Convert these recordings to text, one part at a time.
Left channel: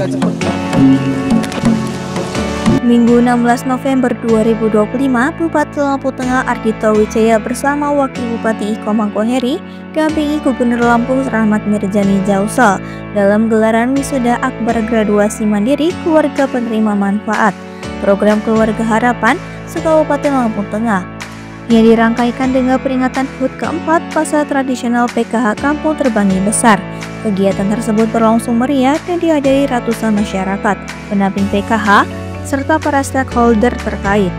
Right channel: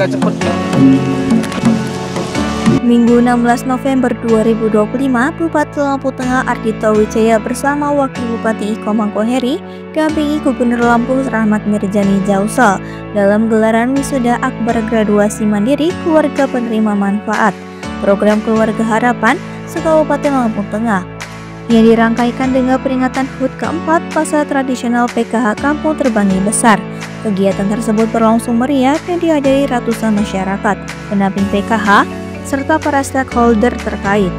agak cepet. Minggu 16 November 2025, Bupati Lampung Tengah Ardhito Wijaya bersama Wakil Bupati Iko Mangkoheri dampingi Gubernur Lampung Rahmat Mirzani Jausal dalam gelaran wisuda akbar graduasi mandiri keluarga penerima manfaat program Keluarga Harapan se-Kabupaten Lampung Tengah yang dirangkaikan dengan peringatan HUT keempat Pasar Tradisional PKH Kampung Terbangi Besar. Kegiatan tersebut berlangsung meriah dan dihadiri ratusan masyarakat, pendamping PKH, serta para stakeholder terkait.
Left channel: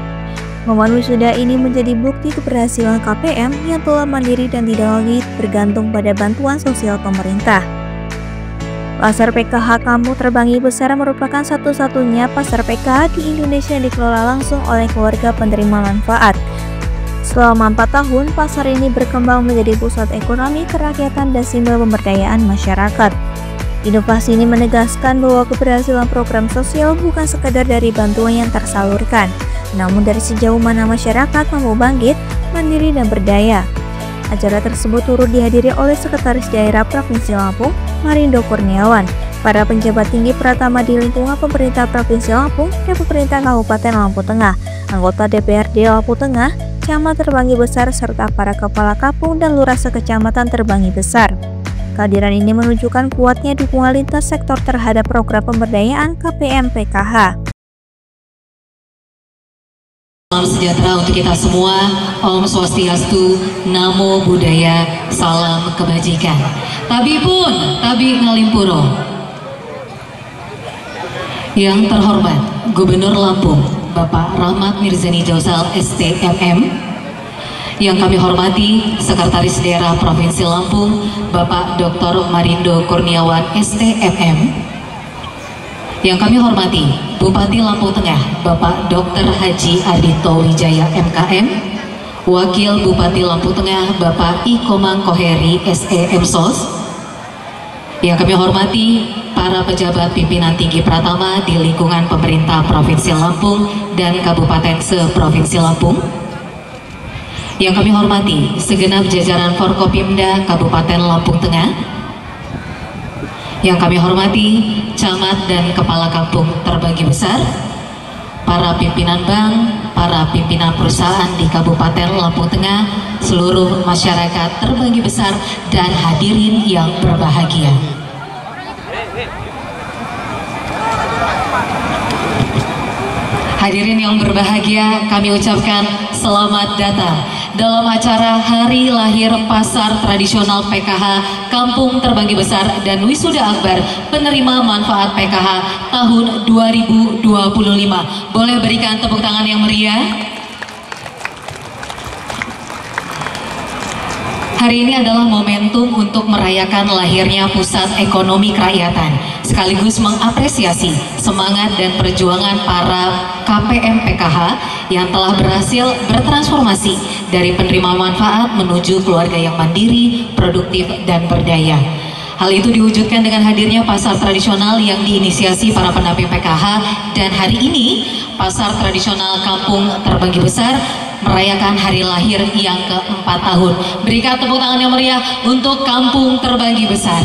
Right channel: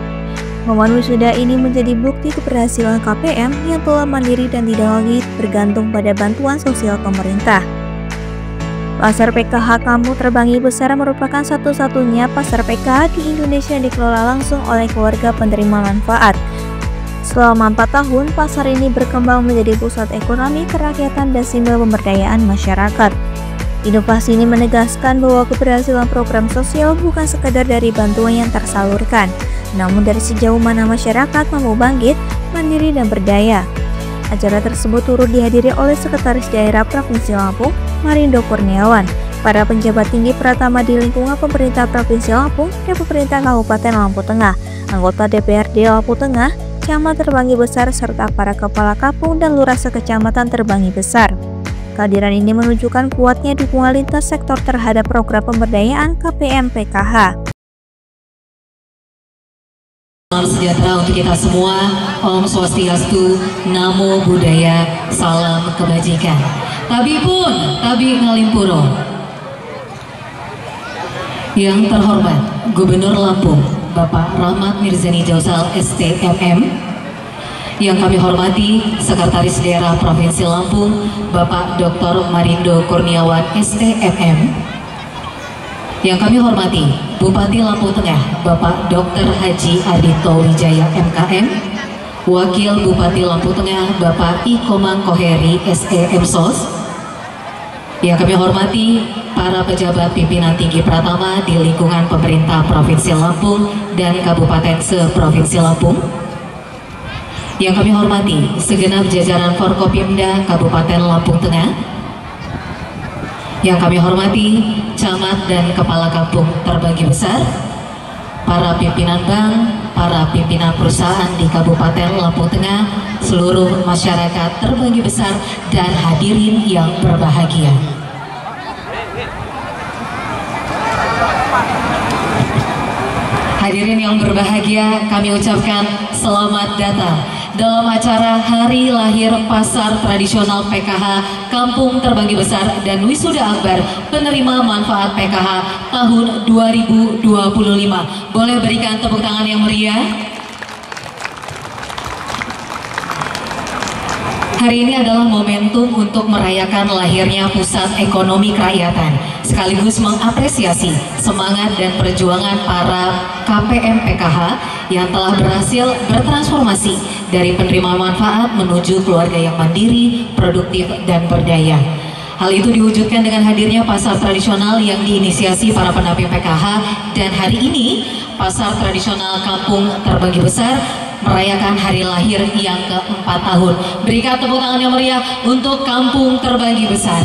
Momen wisuda ini menjadi bukti keberhasilan KPM yang telah mandiri dan tidak lagi bergantung pada bantuan sosial pemerintah. Pasar PKH Kampung Terbangi Besar merupakan satu-satunya pasar PKH di Indonesia yang dikelola langsung oleh keluarga penerima manfaat. Selama 4 tahun, pasar ini berkembang menjadi pusat ekonomi, kerakyatan, dan simbol pemberdayaan masyarakat. Inovasi ini menegaskan bahwa keberhasilan program sosial bukan sekadar dari bantuan yang tersalurkan, namun dari sejauh mana masyarakat mampu bangkit, mandiri, dan berdaya. Acara tersebut turut dihadiri oleh Sekretaris Daerah Provinsi Lampung, Marindo Kurniawan, para penjabat tinggi pratama di lingkungan pemerintah Provinsi Lampung dan pemerintah Kabupaten Lampung Tengah, anggota DPRD Lampung Tengah, Camat Terbangi Besar, serta para kepala kampung dan lurah sekecamatan Terbangi Besar. Kehadiran ini menunjukkan kuatnya dukungan lintas sektor terhadap program pemberdayaan KPM PKH. Salam sejahtera untuk kita semua. Om Swastiastu, Namo Buddhaya, salam kebajikan. Tabi Ngalimpuro. Yang terhormat Gubernur Lampung, Bapak Rahmat Mirzani Jausal STMM. Yang kami hormati Sekretaris Daerah Provinsi Lampung, Bapak Dr. Marindo Kurniawan STMM. Yang kami hormati Bupati Lampung Tengah, Bapak Dr. Haji Ardhito Wijaya MKM. Wakil Bupati Lampung Tengah, Bapak Iko Mangkoheri SEMSOS. Yang kami hormati para pejabat pimpinan tinggi pratama di lingkungan pemerintah Provinsi Lampung dan Kabupaten se-Provinsi Lampung. Yang kami hormati segenap jajaran Forkopimda Kabupaten Lampung Tengah. Yang kami hormati camat dan kepala kampung Terbangi Besar, para pimpinan bank, para pimpinan perusahaan di Kabupaten Lampung Tengah, seluruh masyarakat Terbangi Besar, dan hadirin yang berbahagia. Hadirin yang berbahagia, kami ucapkan selamat datang dalam acara Hari Lahir Pasar Tradisional PKH Kampung Terbangi Besar dan Wisuda Akbar Penerima Manfaat PKH tahun 2025. Boleh berikan tepuk tangan yang meriah? Hari ini adalah momentum untuk merayakan lahirnya Pusat Ekonomi Kerakyatan, sekaligus mengapresiasi semangat dan perjuangan para KPM PKH yang telah berhasil bertransformasi dari penerima manfaat menuju keluarga yang mandiri, produktif, dan berdaya. Hal itu diwujudkan dengan hadirnya pasar tradisional yang diinisiasi para pendamping PKH, dan hari ini Pasar Tradisional Kampung Terbangi Besar merayakan hari lahir yang ke-4 tahun. Berikan tepuk tangan yang meriah untuk Kampung Terbangi Besar.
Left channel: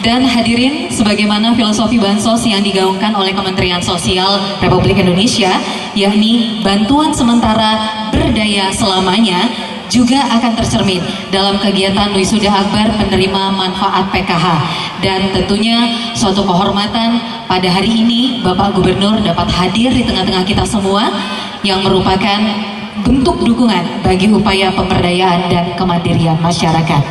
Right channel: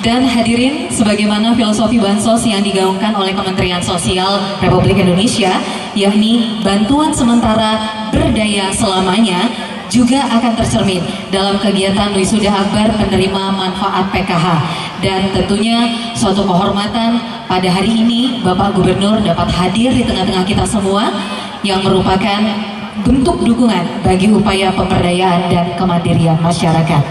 Dan hadirin, sebagaimana filosofi bansos yang digaungkan oleh Kementerian Sosial Republik Indonesia, yakni bantuan sementara berdaya selamanya, juga akan tercermin dalam kegiatan Wisuda Akbar Penerima Manfaat PKH. Dan tentunya suatu kehormatan pada hari ini Bapak Gubernur dapat hadir di tengah-tengah kita semua, yang merupakan bentuk dukungan bagi upaya pemberdayaan dan kemandirian masyarakat.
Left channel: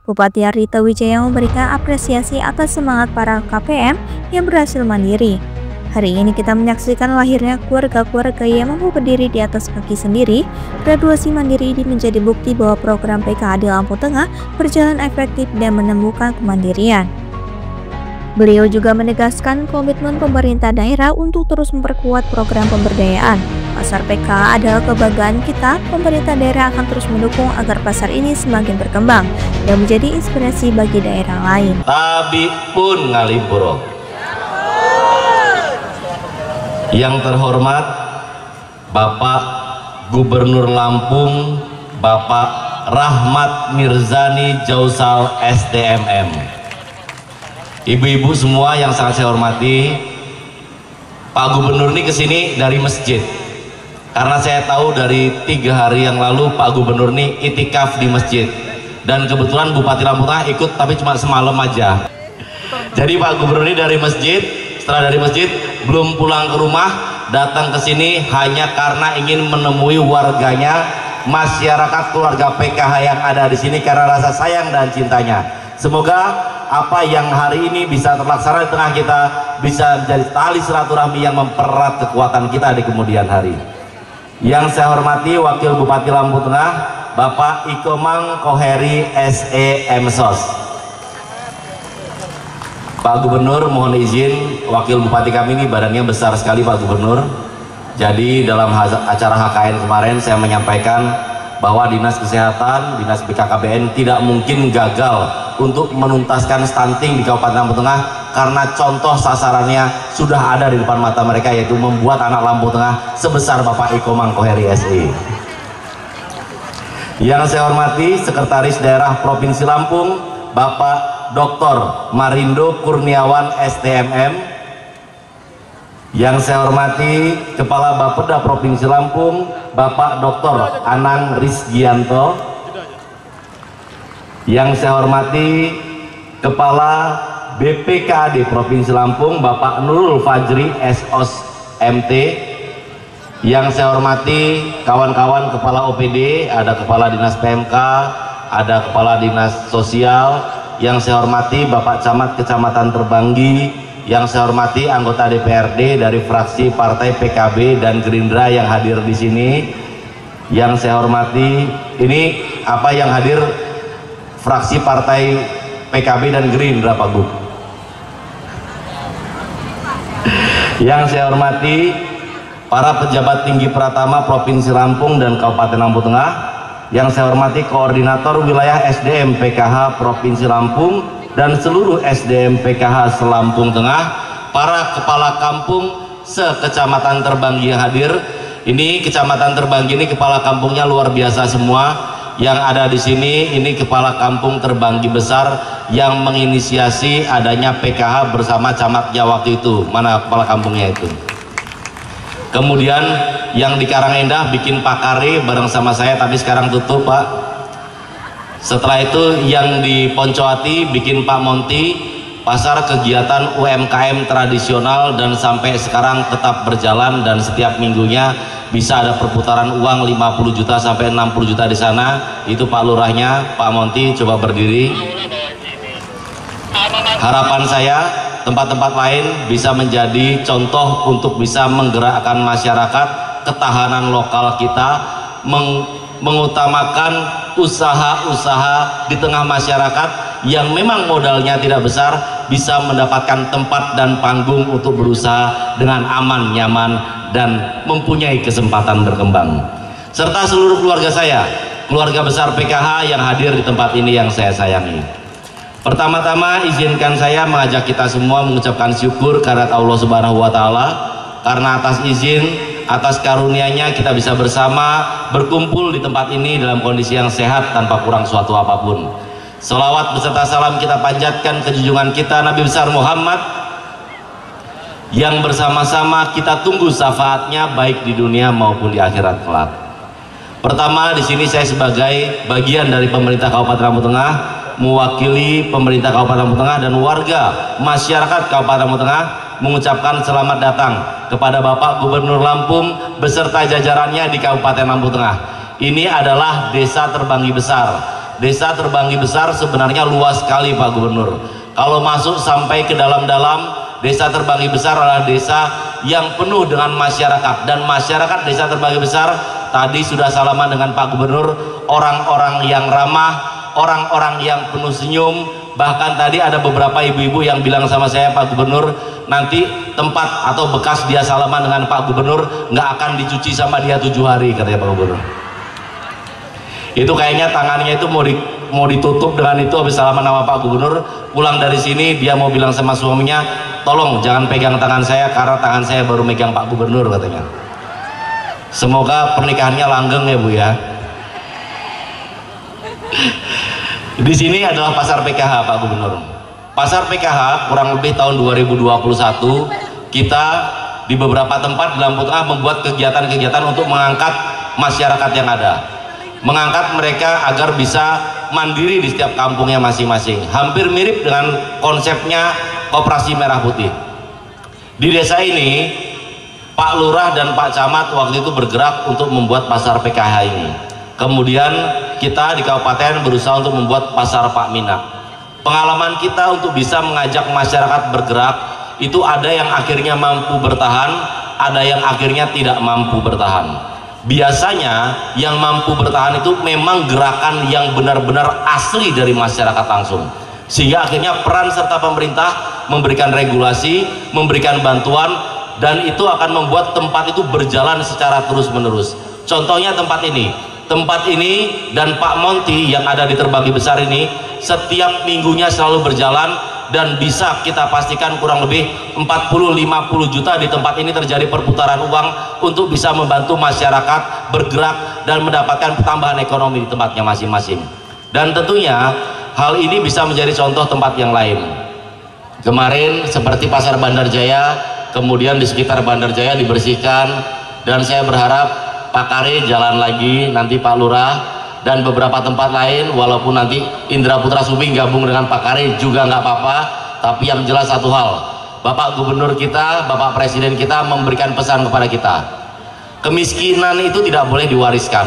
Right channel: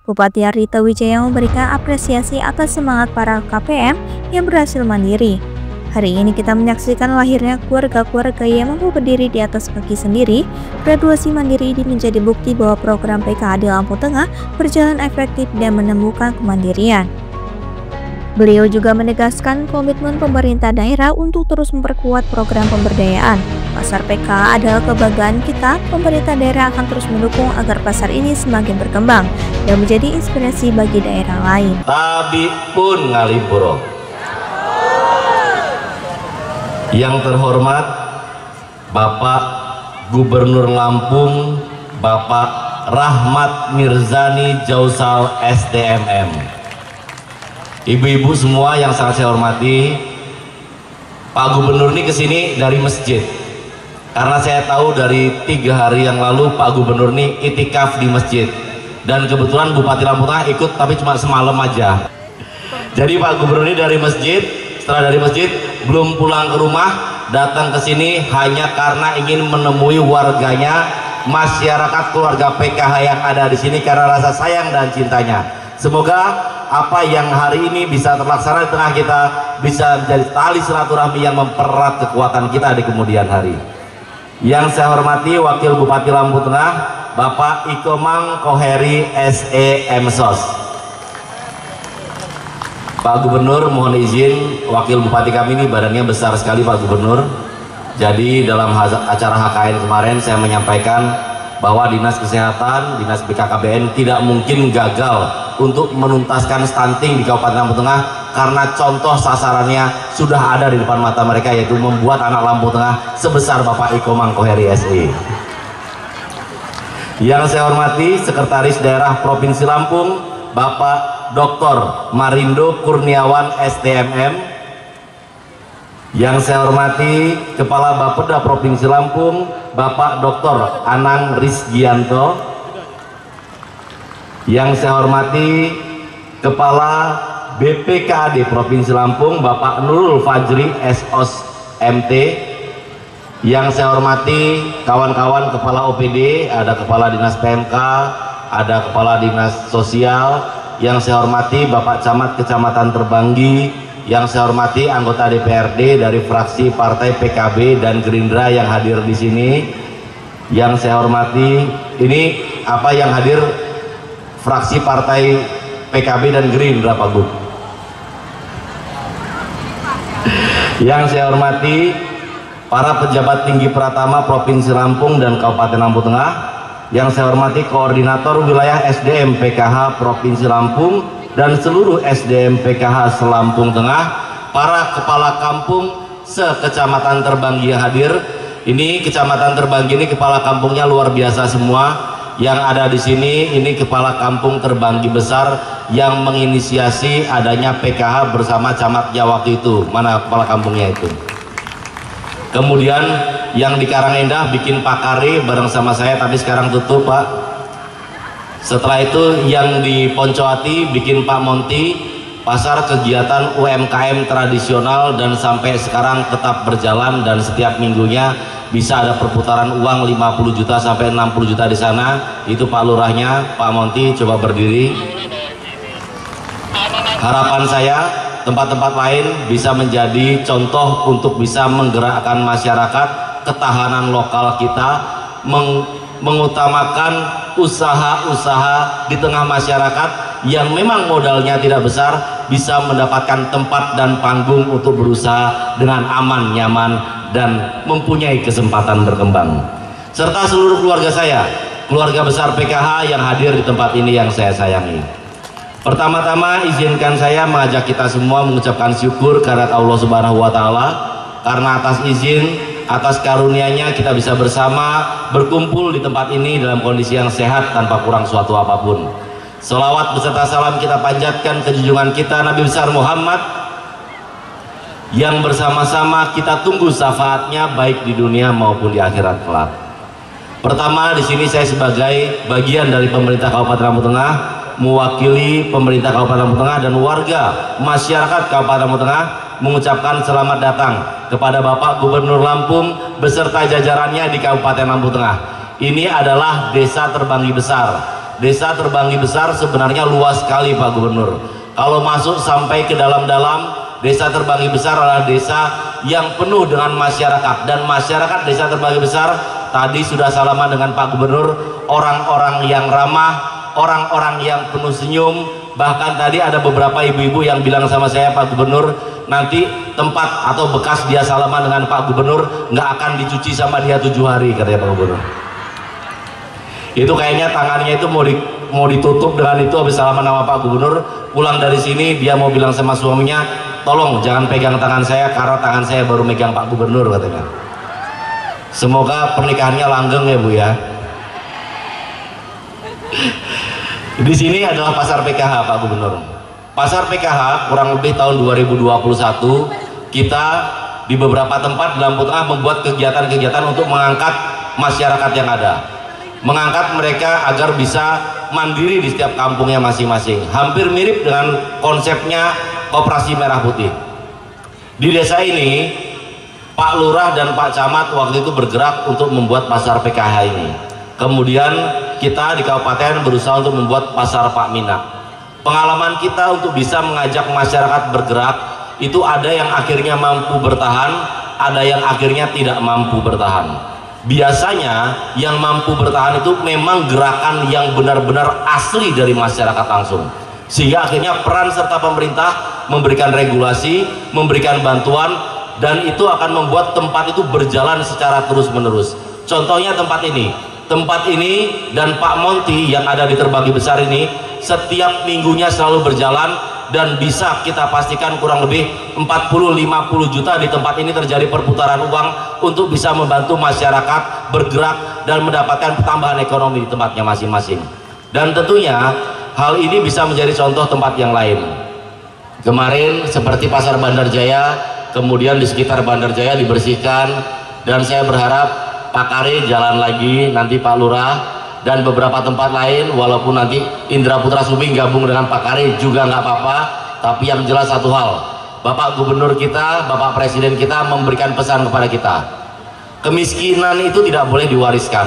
Bupati Ardhito Wijaya memberikan apresiasi atas semangat para KPM yang berhasil mandiri. Hari ini kita menyaksikan lahirnya keluarga-keluarga yang mampu berdiri di atas kaki sendiri. Graduasi mandiri ini menjadi bukti bahwa program PKH di Lampung Tengah berjalan efektif dan menemukan kemandirian. Beliau juga menegaskan komitmen pemerintah daerah untuk terus memperkuat program pemberdayaan. Pasar PKH adalah kebanggaan kita. Pemerintah daerah akan terus mendukung agar pasar ini semakin berkembang dan menjadi inspirasi bagi daerah lain. Tabi pun Ngalimpuro. Yang terhormat Bapak Gubernur Lampung, Bapak Rahmat Mirzani Jausal STMM. ibu-ibu semua yang sangat saya hormati, Pak Gubernur ini kesini dari masjid karena saya tahu dari 3 hari yang lalu Pak Gubernur ini itikaf di masjid, dan kebetulan Bupati Lampung Tengah ikut tapi cuma semalam aja. Jadi Pak Gubernur ini dari masjid, setelah dari masjid belum pulang ke rumah, datang ke sini hanya karena ingin menemui warganya, masyarakat keluarga PKH yang ada di sini karena rasa sayang dan cintanya. Semoga apa yang hari ini bisa terlaksana di tengah kita bisa menjadi tali silaturahmi yang mempererat kekuatan kita di kemudian hari. Yang saya hormati Wakil Bupati Lampung Tengah Bapak Ikomang Koheri SE Emsos. Pak Gubernur, mohon izin, Wakil Bupati kami ini badannya besar sekali Pak Gubernur. Jadi dalam acara HKN kemarin saya menyampaikan bahwa Dinas Kesehatan, Dinas BKKBN tidak mungkin gagal untuk menuntaskan stunting di Kabupaten Lampung Tengah karena contoh sasarannya sudah ada di depan mata mereka, yaitu membuat anak Lampung Tengah sebesar Bapak Ikomang Koheri SE. Yang saya hormati Sekretaris Daerah Provinsi Lampung Bapak Dr. Marindo Kurniawan STMM. Yang saya hormati Kepala Bapeda Provinsi Lampung Bapak Dr. Anang Rizgianto. Yang saya hormati Kepala BPKAD Provinsi Lampung Bapak Nurul Fajri SOS MT. Yang saya hormati kawan-kawan Kepala OPD, ada Kepala Dinas PMK, ada Kepala Dinas Sosial. Yang saya hormati Bapak Camat Kecamatan Terbanggi. Yang saya hormati anggota DPRD dari fraksi Partai PKB dan Gerindra yang hadir di sini. Yang saya hormati, ini apa yang hadir fraksi Partai PKB dan Gerindra Pak Gub. Yang saya hormati para pejabat tinggi Pratama Provinsi Lampung dan Kabupaten Lampung Tengah. Yang saya hormati Koordinator Wilayah SDM PKH Provinsi Lampung dan seluruh SDM PKH Lampung Tengah, para kepala kampung se-Kecamatan Terbanggi yang hadir. Ini Kecamatan Terbanggi ini kepala kampungnya luar biasa semua. Yang ada di sini ini kepala kampung Terbanggi besar yang menginisiasi adanya PKH bersama camatnya waktu itu. Mana kepala kampungnya itu? Kemudian yang di Karangendah bikin Pakare bareng sama saya, tapi sekarang tutup Pak. Setelah itu yang di Poncoati bikin Pak Monti, pasar kegiatan UMKM tradisional dan sampai sekarang tetap berjalan dan setiap minggunya bisa ada perputaran uang 50 juta sampai 60 juta di sana. Itu Pak Lurahnya, Pak Monti coba berdiri. Harapan saya tempat-tempat lain bisa menjadi contoh untuk bisa menggerakkan masyarakat, ketahanan lokal kita, mengutamakan usaha-usaha di tengah masyarakat yang memang modalnya tidak besar bisa mendapatkan tempat dan panggung untuk berusaha dengan aman, nyaman, dan mempunyai kesempatan berkembang. Serta seluruh keluarga saya, keluarga besar PKH yang hadir di tempat ini yang saya sayangi. Pertama-tama izinkan saya mengajak kita semua mengucapkan syukur karena Allah Subhanahu wa Ta'ala, karena atas izin, atas karunia-Nya kita bisa bersama berkumpul di tempat ini dalam kondisi yang sehat tanpa kurang suatu apapun. Selawat beserta salam kita panjatkan ke junjungan kita Nabi besar Muhammad yang bersama-sama kita tunggu syafaatnya baik di dunia maupun di akhirat kelak. Pertama, di sini saya sebagai bagian dari pemerintah Kabupaten Lampung Tengah mewakili pemerintah Kabupaten Lampung Tengah dan warga masyarakat Kabupaten Lampung Tengah mengucapkan selamat datang kepada Bapak Gubernur Lampung beserta jajarannya di Kabupaten Lampung Tengah. Ini adalah Desa Terbanggi Besar. Desa Terbanggi Besar sebenarnya luas sekali Pak Gubernur. Kalau masuk sampai ke dalam-dalam, Desa Terbanggi Besar adalah desa yang penuh dengan masyarakat, dan masyarakat Desa Terbanggi Besar tadi sudah salaman dengan Pak Gubernur, orang-orang yang ramah, orang-orang yang penuh senyum. Bahkan tadi ada beberapa ibu-ibu yang bilang sama saya, Pak Gubernur, nanti tempat atau bekas dia salaman dengan Pak Gubernur nggak akan dicuci sama dia 7 hari, katanya Pak Gubernur. Itu kayaknya tangannya itu mau ditutup dengan itu habis salaman sama Pak Gubernur. Pulang dari sini dia mau bilang sama suaminya, tolong jangan pegang tangan saya karena tangan saya baru megang Pak Gubernur, katanya. Semoga pernikahannya langgeng ya Bu ya. Di sini adalah pasar PKH Pak Gubernur. Pasar PKH kurang lebih tahun 2021 kita di beberapa tempat di Lampung Tengah membuat kegiatan-kegiatan untuk mengangkat masyarakat yang ada, mengangkat mereka agar bisa mandiri di setiap kampungnya masing-masing, hampir mirip dengan konsepnya Koperasi Merah Putih. Di desa ini Pak Lurah dan Pak Camat waktu itu bergerak untuk membuat pasar PKH ini. Kemudian kita di kabupaten berusaha untuk membuat pasar Pak Mina. Pengalaman kita untuk bisa mengajak masyarakat bergerak itu ada yang akhirnya mampu bertahan, ada yang akhirnya tidak mampu bertahan. Biasanya yang mampu bertahan itu memang gerakan yang benar-benar asli dari masyarakat langsung, sehingga akhirnya peran serta pemerintah memberikan regulasi, memberikan bantuan, dan itu akan membuat tempat itu berjalan secara terus-menerus. Contohnya tempat ini dan Pak Monty yang ada di Terbagi Besar ini setiap minggunya selalu berjalan, dan bisa kita pastikan kurang lebih 40-50 juta di tempat ini terjadi perputaran uang untuk bisa membantu masyarakat bergerak dan mendapatkan tambahan ekonomi di tempatnya masing-masing. Dan tentunya hal ini bisa menjadi contoh tempat yang lain. Kemarin seperti Pasar Bandar Jaya, kemudian di sekitar Bandar Jaya dibersihkan, dan saya berharap Pak Kare jalan lagi, nanti Pak Lurah dan beberapa tempat lain, walaupun nanti Indra Putra Suming gabung dengan Pak Kare juga nggak apa-apa, tapi yang jelas satu hal, Bapak Gubernur kita, Bapak Presiden kita memberikan pesan kepada kita, kemiskinan itu tidak boleh diwariskan.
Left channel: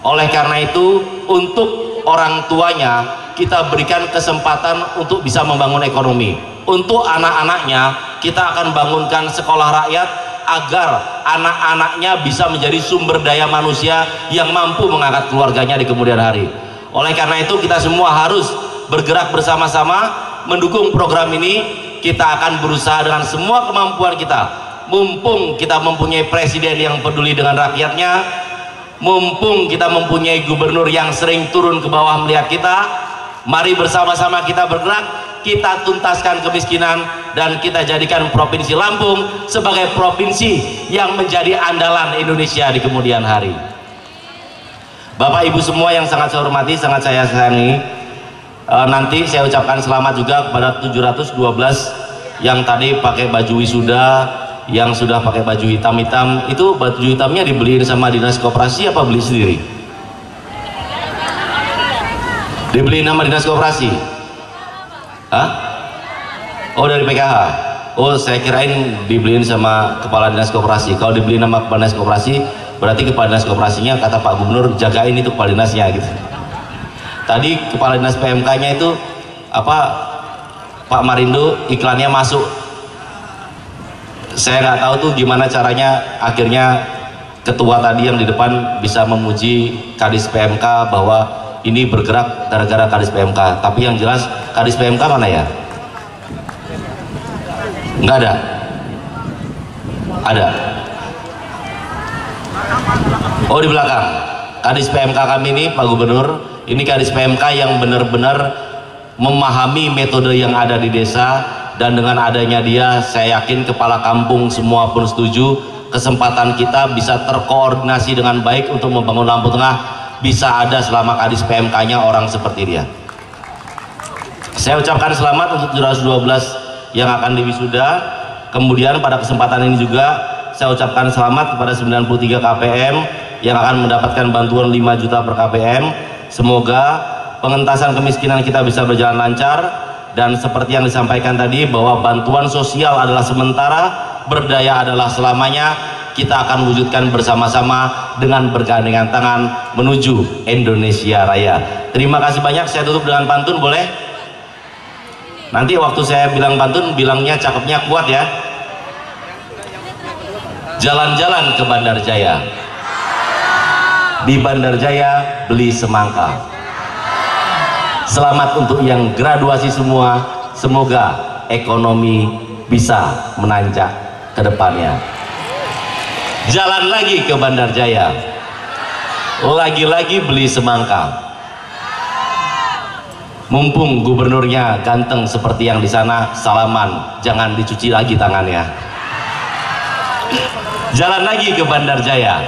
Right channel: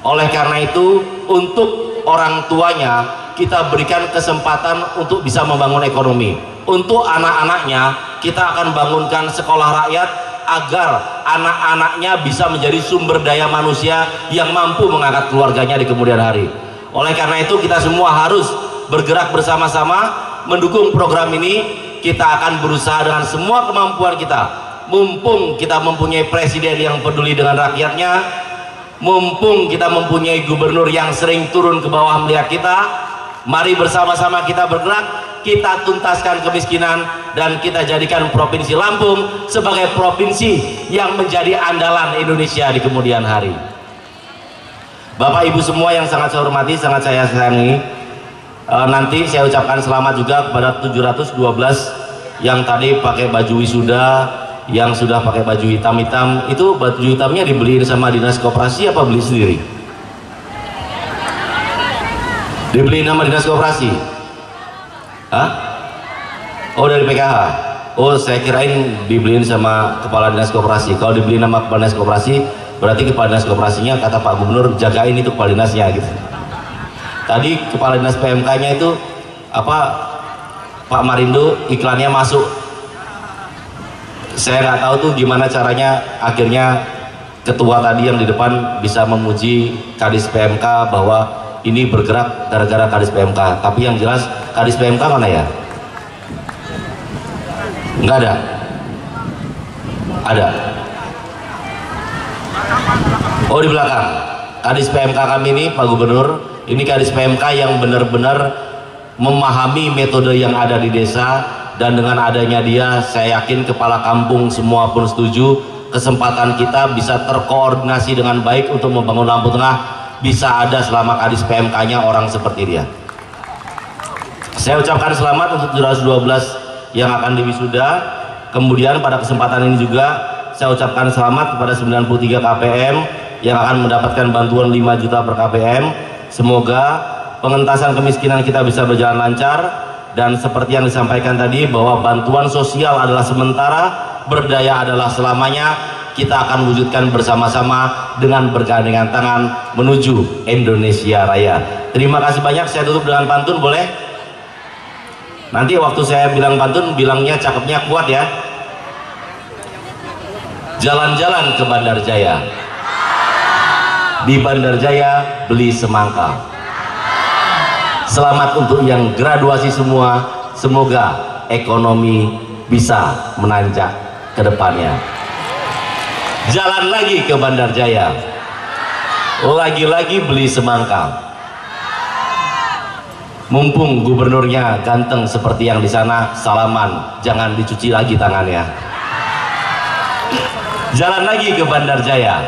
Oleh karena itu, untuk orang tuanya kita berikan kesempatan untuk bisa membangun ekonomi. Untuk anak-anaknya kita akan bangunkan sekolah rakyat agar anak-anaknya bisa menjadi sumber daya manusia yang mampu mengangkat keluarganya di kemudian hari. Oleh karena itu kita semua harus bergerak bersama-sama mendukung program ini. Kita akan berusaha dengan semua kemampuan kita, mumpung kita mempunyai presiden yang peduli dengan rakyatnya, mumpung kita mempunyai gubernur yang sering turun ke bawah melihat kita. Mari bersama-sama kita bergerak, kita tuntaskan kemiskinan, dan kita jadikan Provinsi Lampung sebagai provinsi yang menjadi andalan Indonesia di kemudian hari. Bapak Ibu semua yang sangat saya hormati, sangat saya sayangi, nanti saya ucapkan selamat juga kepada 712 yang tadi pakai baju wisuda, yang sudah pakai baju hitam-hitam. Itu baju hitamnya dibeliin sama Dinas Koperasi apa beli sendiri? Dibeliin sama Dinas Koperasi? Hah? Oh, dari PKH. Oh, saya kirain dibeliin sama Kepala Dinas Koperasi. Kalau dibeliin sama Kepala Dinas Koperasi, berarti Kepala Dinas Koperasinya kata Pak Gubernur jagain itu Kepala Dinasnya gitu. Tadi Kepala Dinas PMK-nya itu apa, Pak Marindo, iklannya masuk. Saya nggak tahu tuh gimana caranya akhirnya ketua tadi yang di depan bisa memuji Kadis PMK bahwa ini bergerak gara-gara Kadis PMK. Tapi yang jelas Kadis PMK mana ya? Nggak ada. Ada. Oh, di belakang. Kadis PMK kami ini, Pak Gubernur, ini Kadis PMK yang benar-benar memahami metode yang ada di desa, dan dengan adanya dia, saya yakin kepala kampung semua pun setuju, kesempatan kita bisa terkoordinasi dengan baik untuk membangun Lampung Tengah bisa ada selama Kadis PMK-nya orang seperti dia. Saya ucapkan selamat untuk 712 yang akan diwisuda. Kemudian pada kesempatan ini juga saya ucapkan selamat kepada 93 KPM yang akan mendapatkan bantuan 5 juta per KPM. Semoga pengentasan kemiskinan kita bisa berjalan lancar, dan seperti yang disampaikan tadi bahwa bantuan sosial adalah sementara, berdaya adalah selamanya. Kita akan wujudkan bersama-sama dengan bergandengan tangan menuju Indonesia Raya. Terima kasih banyak. Saya tutup dengan pantun, boleh? Nanti waktu saya bilang pantun, bilangnya cakepnya kuat ya. Jalan-jalan ke Bandar Jaya, di Bandar Jaya beli semangka. Selamat untuk yang graduasi semua, semoga ekonomi bisa menanjak ke depannya. Jalan lagi ke Bandar Jaya, lagi-lagi beli semangka. Mumpung gubernurnya ganteng seperti yang di sana, salaman, jangan dicuci lagi tangannya. Jalan lagi ke Bandar Jaya,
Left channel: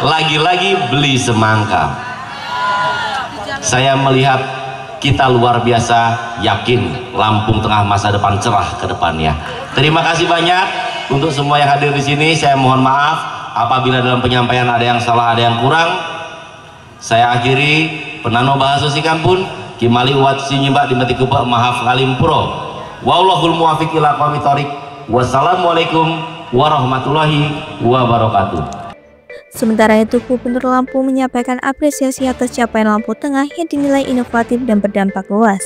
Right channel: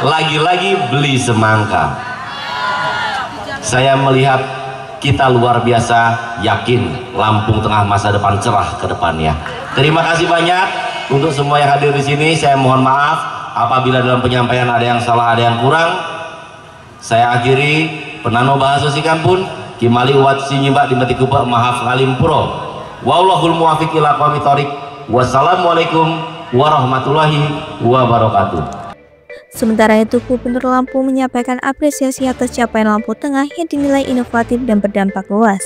lagi-lagi beli semangka. Saya melihat kita luar biasa yakin Lampung Tengah masa depan cerah ke depannya. Terima kasih banyak untuk semua yang hadir di sini. Saya mohon maaf apabila dalam penyampaian ada yang salah, ada yang kurang. Saya akhiri penano bahasa sikan pun kimali uat sinyimbak di metikupa mahaf ngalimpuro. Wallahul muwafiq ila aqwamit thoriq. Wassalamualaikum warahmatullahi wabarakatuh. Sementara itu, Gubernur Lampung menyampaikan apresiasi atas capaian Lampung Tengah yang dinilai inovatif dan berdampak luas.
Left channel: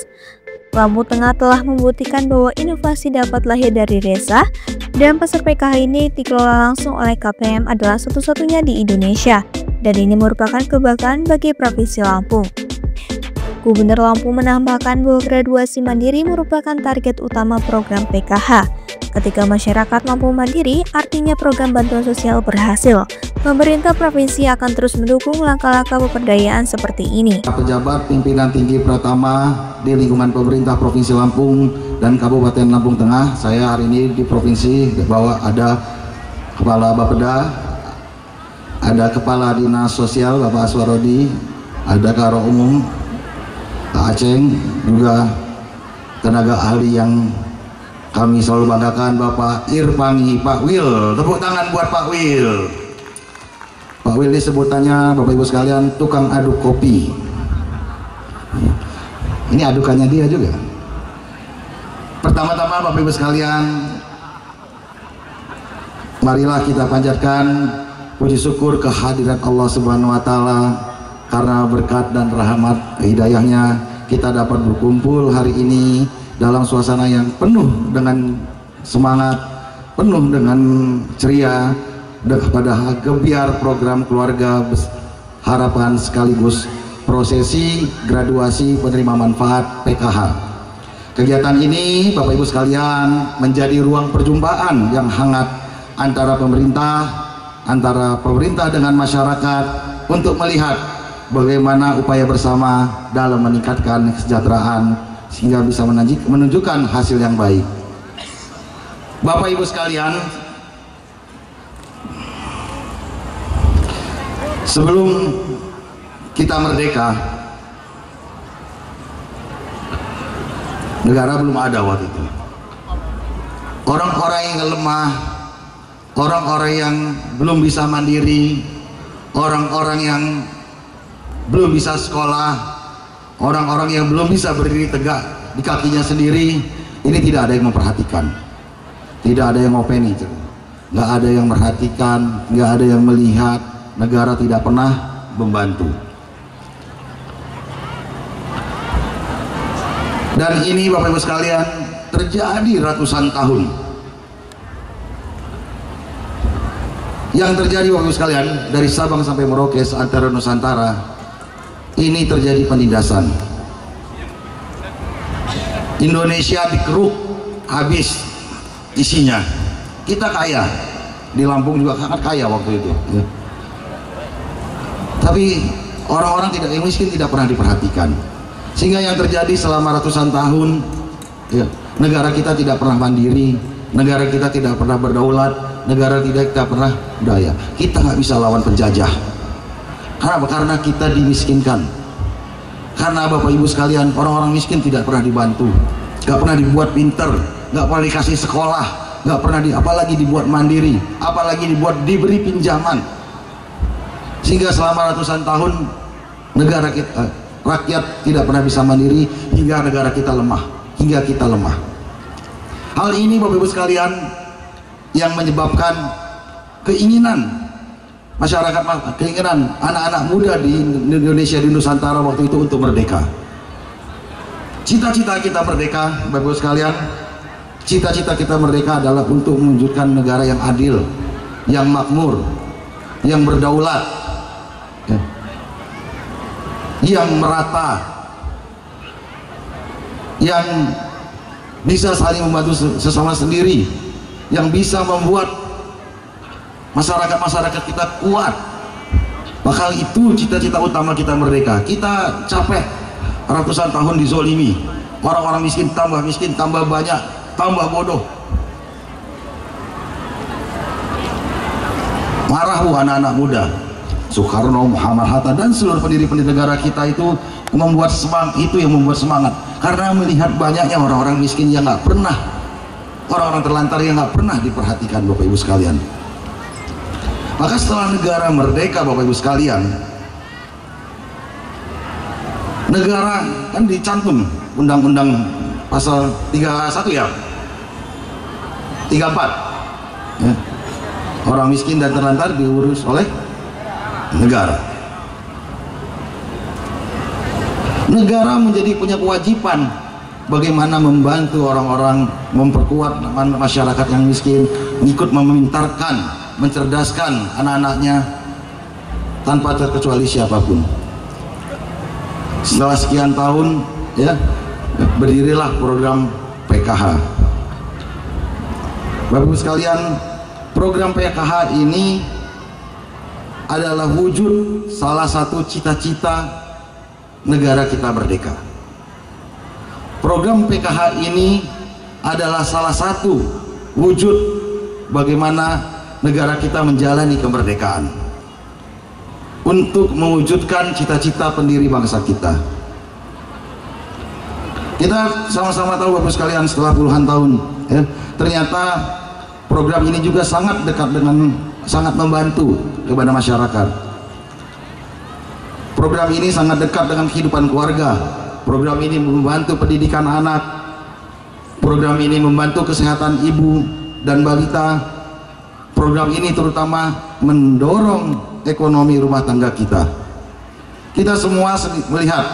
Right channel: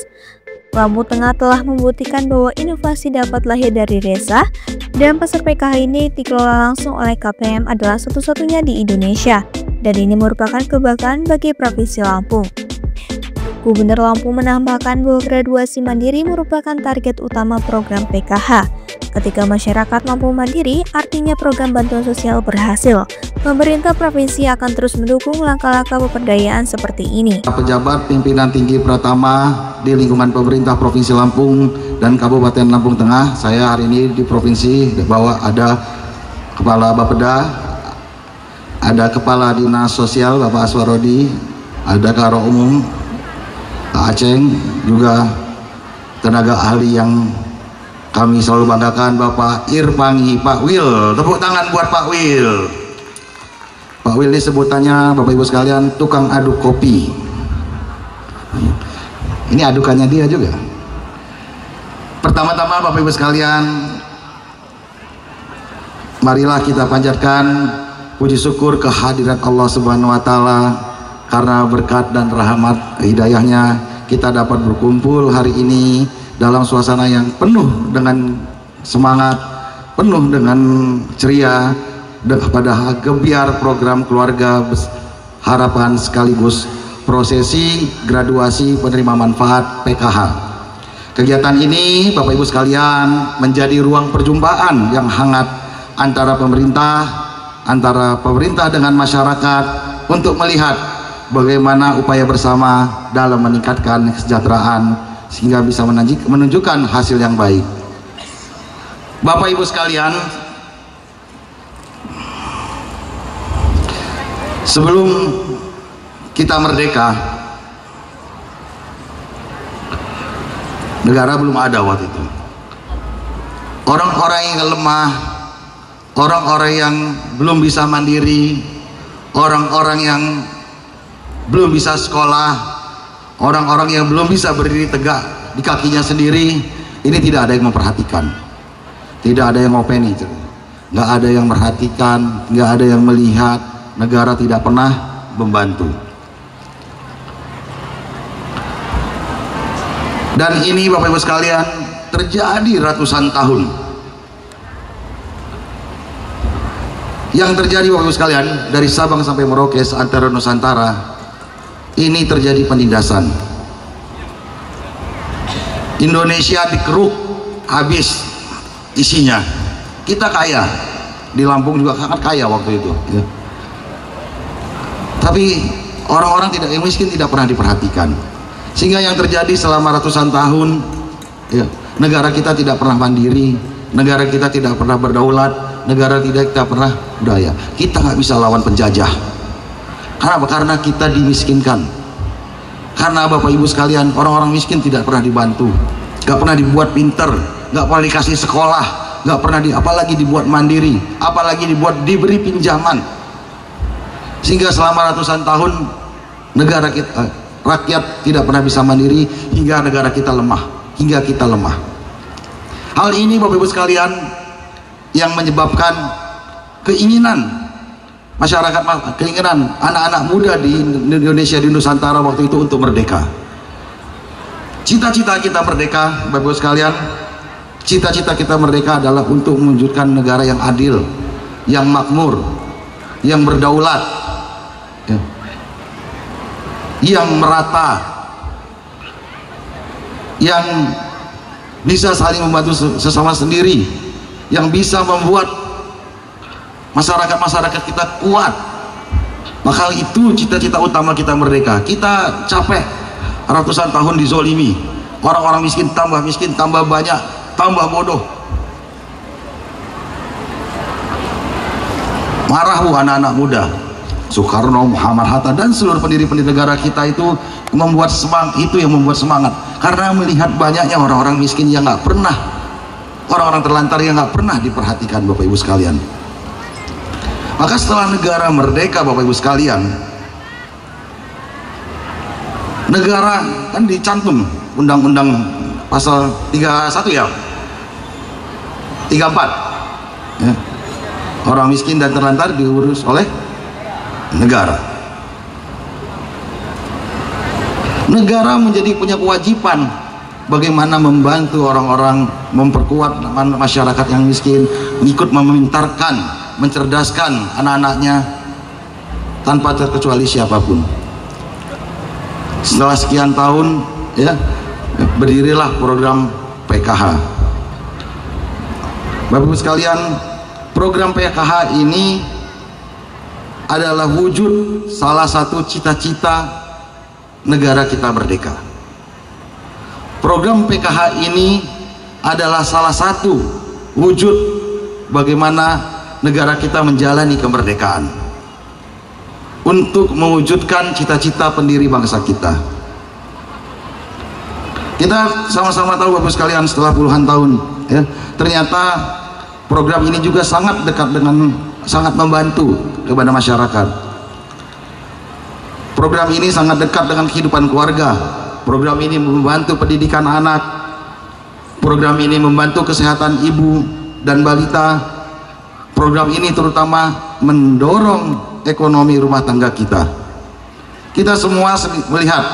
Lampung Tengah telah membuktikan bahwa inovasi dapat lahir dari desa, dan pasar PKH ini dikelola langsung oleh KPM adalah satu-satunya di Indonesia, dan ini merupakan kebanggaan bagi Provinsi Lampung. Gubernur Lampung menambahkan bahwa graduasi mandiri merupakan target utama program PKH. Ketika masyarakat Lampung mandiri, artinya program bantuan sosial berhasil. Pemerintah provinsi akan terus mendukung langkah-langkah pemberdayaan seperti ini. Pejabat pimpinan tinggi pertama di lingkungan pemerintah Provinsi Lampung dan Kabupaten Lampung Tengah, saya hari ini di provinsi bahwa ada Kepala Bapeda, ada Kepala Dinas Sosial Bapak Aswarodi, ada Karo Umum Pak Aceng, juga tenaga ahli yang kami selalu banggakan Bapak Irpangi, Pak Wil. Tepuk tangan buat Pak Wil. Pak Wil ini sebutannya Bapak Ibu sekalian tukang aduk kopi. Ini adukannya dia juga. Pertama-tama Bapak Ibu sekalian, marilah kita panjatkan puji syukur kehadiran Allah Subhanahu wa Ta'ala, karena berkat dan rahmat hidayahnya kita dapat berkumpul hari ini dalam suasana yang penuh dengan semangat, penuh dengan ceria, pada gebiar program keluarga harapan sekaligus prosesi graduasi penerima manfaat PKH. Kegiatan ini Bapak Ibu sekalian menjadi ruang perjumpaan yang hangat antara pemerintah dengan masyarakat untuk melihat bagaimana upaya bersama dalam meningkatkan kesejahteraan sehingga bisa menunjukkan hasil yang baik. Bapak Ibu sekalian, sebelum kita merdeka, negara belum ada waktu itu. Orang-orang yang lemah, orang-orang yang belum bisa mandiri, orang-orang yang belum bisa sekolah, orang-orang yang belum bisa berdiri tegak di kakinya sendiri, ini tidak ada yang memperhatikan, tidak ada yang ngopeni, nggak ada yang memperhatikan, nggak ada yang melihat. Negara tidak pernah membantu. Dan ini Bapak Ibu sekalian terjadi ratusan tahun. Yang terjadi Bapak Ibu sekalian dari Sabang sampai Merauke antara Nusantara, ini terjadi penindasan. Indonesia dikeruk habis isinya. Kita kaya, di Lampung juga sangat kaya waktu itu ya. Tapi orang-orang yang miskin tidak pernah diperhatikan, sehingga yang terjadi selama ratusan tahun ya, negara kita tidak pernah mandiri, negara kita tidak pernah berdaulat, negara kita pernah berdaya. Kita nggak bisa lawan penjajah. Kenapa? Karena kita dimiskinkan. Karena Bapak Ibu sekalian, orang-orang miskin tidak pernah dibantu, nggak pernah dibuat pinter, nggak pernah dikasih sekolah, nggak pernah apalagi dibuat mandiri, apalagi diberi pinjaman. Sehingga selama ratusan tahun negara kita, rakyat tidak pernah bisa mandiri, hingga negara kita lemah, hingga kita lemah. Hal ini Bapak Ibu sekalian yang menyebabkan keinginan masyarakat, keinginan anak-anak muda di Indonesia, di Nusantara waktu itu untuk merdeka. Cita-cita kita merdeka Bapak Ibu sekalian, cita-cita kita merdeka adalah untuk mewujudkan negara yang adil, yang makmur, yang berdaulat, yang merata, yang bisa saling membantu sesama sendiri, yang bisa membuat masyarakat kita kuat. Maka itu cita-cita utama kita merdeka. Kita capek ratusan tahun dizolimi, orang-orang miskin, tambah banyak, tambah bodoh. Marah anak-anak muda, Soekarno, Muhammad Hatta, dan seluruh pendiri-pendiri negara kita itu membuat semangat, itu yang membuat semangat, karena melihat banyaknya orang-orang miskin yang nggak pernah, orang-orang terlantar yang nggak pernah diperhatikan, Bapak Ibu sekalian. Maka setelah negara merdeka, Bapak Ibu sekalian, negara kan dicantum undang-undang pasal 31 ya, 34 ya. Orang miskin dan terlantar diurus oleh negara. Negara menjadi punya kewajiban bagaimana membantu orang-orang, memperkuat masyarakat yang miskin, ikut memintarkan, mencerdaskan anak-anaknya tanpa terkecuali siapapun. Setelah sekian tahun ya, berdirilah program PKH. Bapak Ibu sekalian, program PKH ini adalah wujud salah satu cita-cita negara kita merdeka. Program PKH ini adalah salah satu wujud bagaimana negara kita menjalani kemerdekaan untuk mewujudkan cita-cita pendiri bangsa kita. Kita sama-sama tahu Bapak sekalian, setelah puluhan tahun ya, ternyata program ini juga sangat dekat dengan, sangat membantu kepada masyarakat. Program ini sangat dekat dengan kehidupan keluarga. Program ini membantu pendidikan anak. Program ini membantu kesehatan ibu dan balita. Program ini terutama mendorong ekonomi rumah tangga kita. Kita semua melihat,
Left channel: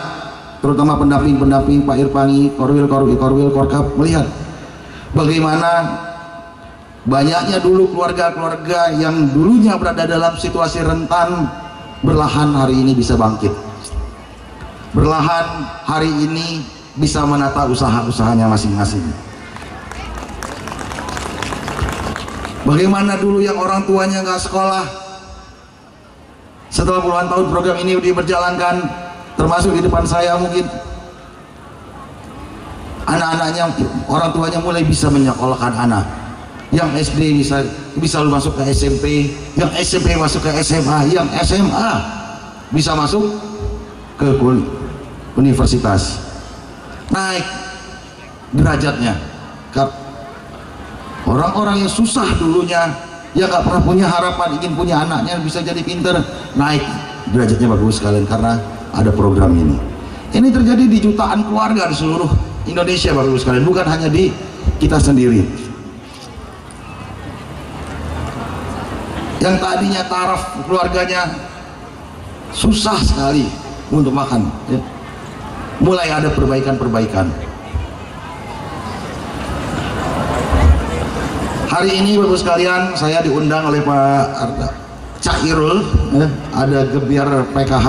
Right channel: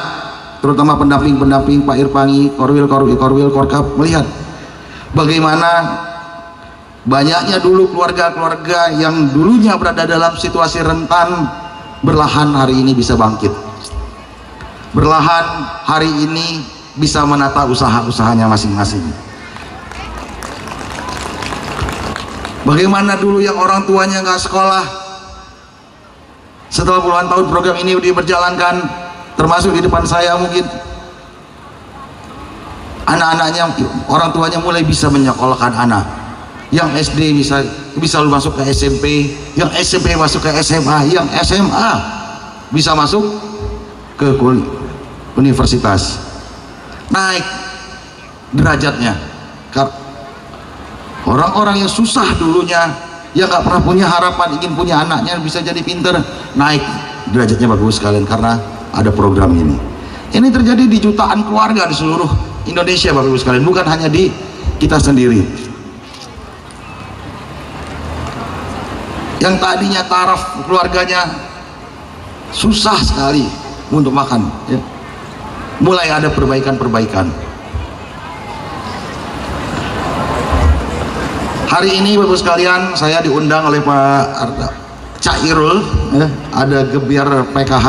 terutama pendamping-pendamping Pak Irpangi, Korwil, Korkap, melihat bagaimana banyaknya dulu keluarga-keluarga yang dulunya berada dalam situasi rentan, berlahan hari ini bisa bangkit, berlahan hari ini bisa menata usaha-usahanya masing-masing. Bagaimana dulu yang orang tuanya nggak sekolah, setelah puluhan tahun program ini diberjalankan, termasuk di depan saya mungkin anak-anaknya, orang tuanya mulai bisa menyekolahkan anak. Yang SD bisa masuk ke SMP, yang SMP masuk ke SMA, yang SMA bisa masuk ke universitas, naik derajatnya. Orang-orang yang susah dulunya, yang gak pernah punya harapan ingin punya anaknya bisa jadi pinter, naik derajatnya bagus sekalian karena ada program ini. Ini terjadi di jutaan keluarga di seluruh Indonesia Bapak Ibu sekalian, bukan hanya di kita sendiri. Yang tadinya taraf keluarganya susah sekali untuk makan ya, mulai ada perbaikan-perbaikan. Hari ini Bapak sekalian, saya diundang oleh Pak Cairul ya, ada gebiar PKH.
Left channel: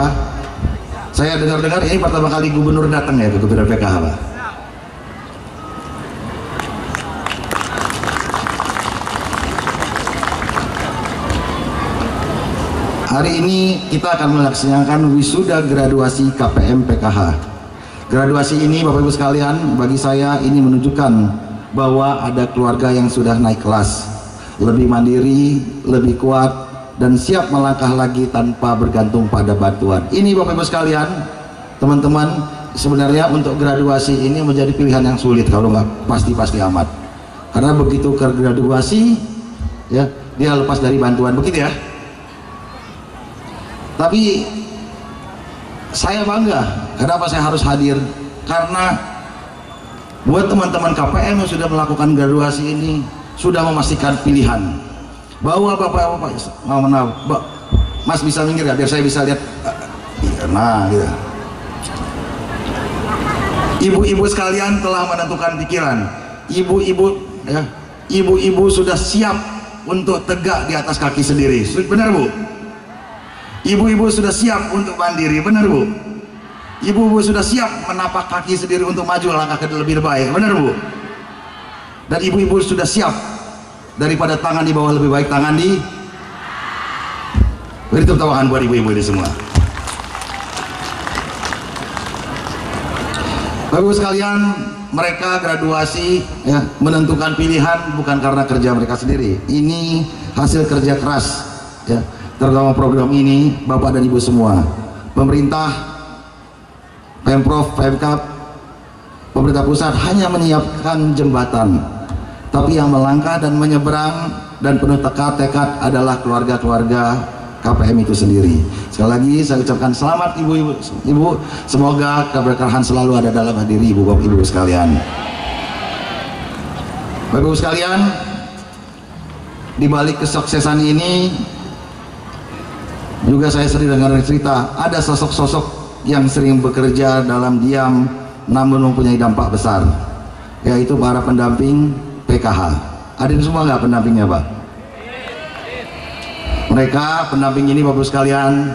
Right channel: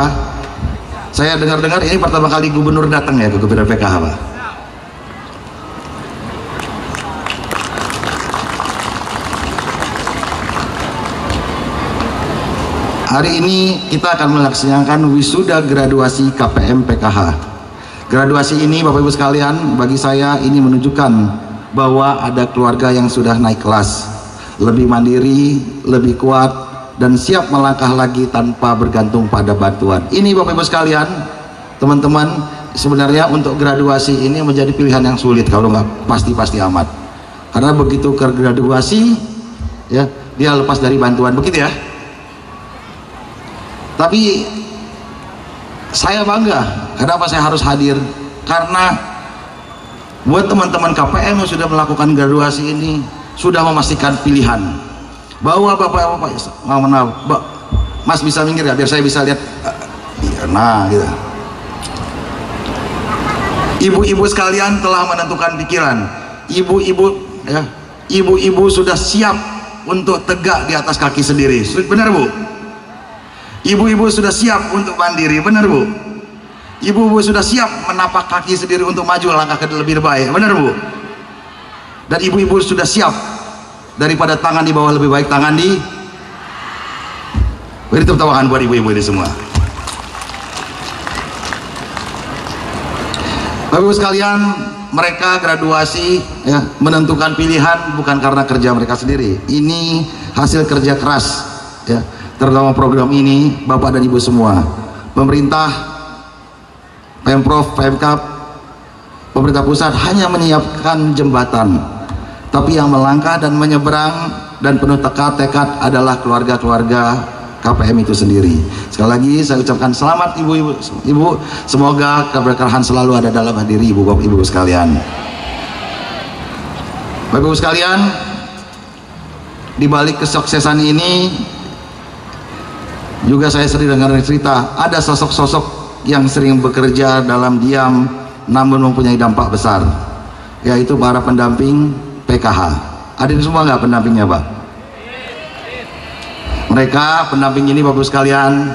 Saya dengar-dengar ini pertama kali gubernur datang ya ke gebiar PKH, Pak. Hari ini kita akan melaksanakan wisuda graduasi KPM PKH. Graduasi ini Bapak Ibu sekalian, bagi saya ini menunjukkan bahwa ada keluarga yang sudah naik kelas, lebih mandiri, lebih kuat, dan siap melangkah lagi tanpa bergantung pada bantuan. Ini Bapak Ibu sekalian, teman-teman, sebenarnya untuk graduasi ini menjadi pilihan yang sulit kalau nggak pasti-pasti amat. Karena begitu ke graduasi, ya dia lepas dari bantuan, begitu ya. Tapi saya bangga, kenapa saya harus hadir? Karena buat teman-teman KPM yang sudah melakukan graduasi ini sudah memastikan pilihan bahwa bapak-bapak, Mas bisa minggir ya biar saya bisa lihat. Nah, gitu. Ibu-ibu sekalian telah menentukan pikiran. Ibu-ibu ya, ibu-ibu sudah siap untuk tegak di atas kaki sendiri. Benar Bu? Ibu-ibu sudah siap untuk mandiri, benar Bu? Ibu-ibu sudah siap menapak kaki sendiri untuk maju langkah ke lebih baik, benar Bu? Dan ibu-ibu sudah siap daripada tangan di bawah lebih baik tangan di. Beri tepuk tangan buat ibu-ibu ini semua. Bapak Ibu sekalian, mereka graduasi ya, menentukan pilihan bukan karena kerja mereka sendiri. Ini hasil kerja keras ya. terutama program ini, Bapak dan Ibu semua, pemerintah, Pemprov, Pemkab, pemerintah pusat hanya menyiapkan jembatan, tapi yang melangkah dan menyeberang dan penuh tekad adalah keluarga-keluarga KPM itu sendiri. Sekali lagi saya ucapkan selamat ibu-ibu, semoga keberkahan selalu ada dalam diri ibu bapak ibu sekalian. Bapak ibu sekalian, di balik kesuksesan ini juga saya sering dengar cerita ada sosok-sosok yang sering bekerja dalam diam namun mempunyai dampak besar, yaitu para pendamping PKH. Ada di semua nggak pendampingnya Pak? Mereka pendamping ini Bapak sekalian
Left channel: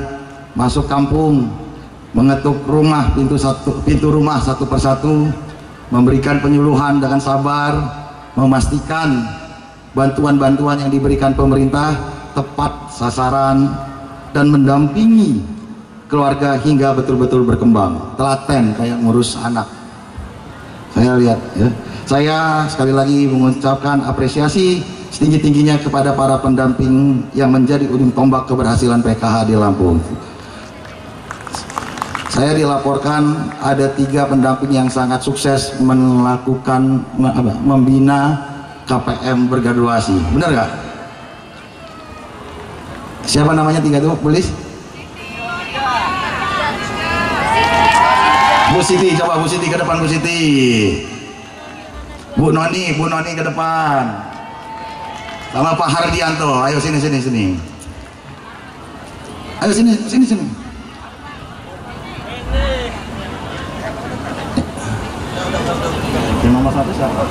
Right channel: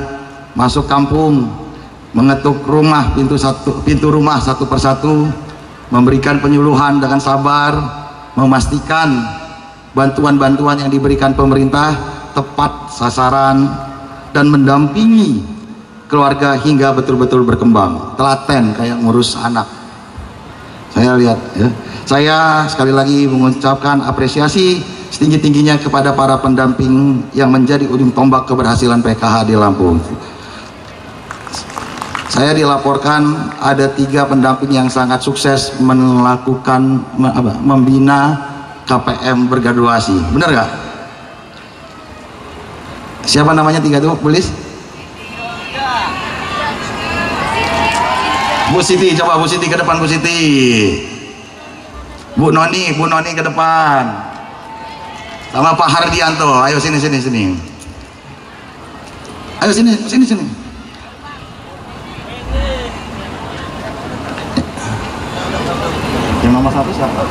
masuk kampung, mengetuk rumah, pintu rumah satu persatu, memberikan penyuluhan dengan sabar, memastikan bantuan-bantuan yang diberikan pemerintah tepat sasaran dan mendampingi keluarga hingga betul-betul berkembang. Telaten kayak ngurus anak. Saya lihat ya. Saya sekali lagi mengucapkan apresiasi setinggi-tingginya kepada para pendamping yang menjadi ujung tombak keberhasilan PKH di Lampung. Saya dilaporkan ada 3 pendamping yang sangat sukses melakukan membina KPM bergraduasi. Benar nggak? Siapa namanya 3 itu, Polis? Bu Siti, coba Bu Siti ke depan, Bu Siti. Bu Noni ke depan. Sama Pak Hardianto, ayo sini. Ayo sini. Yang nomor 1 siapa?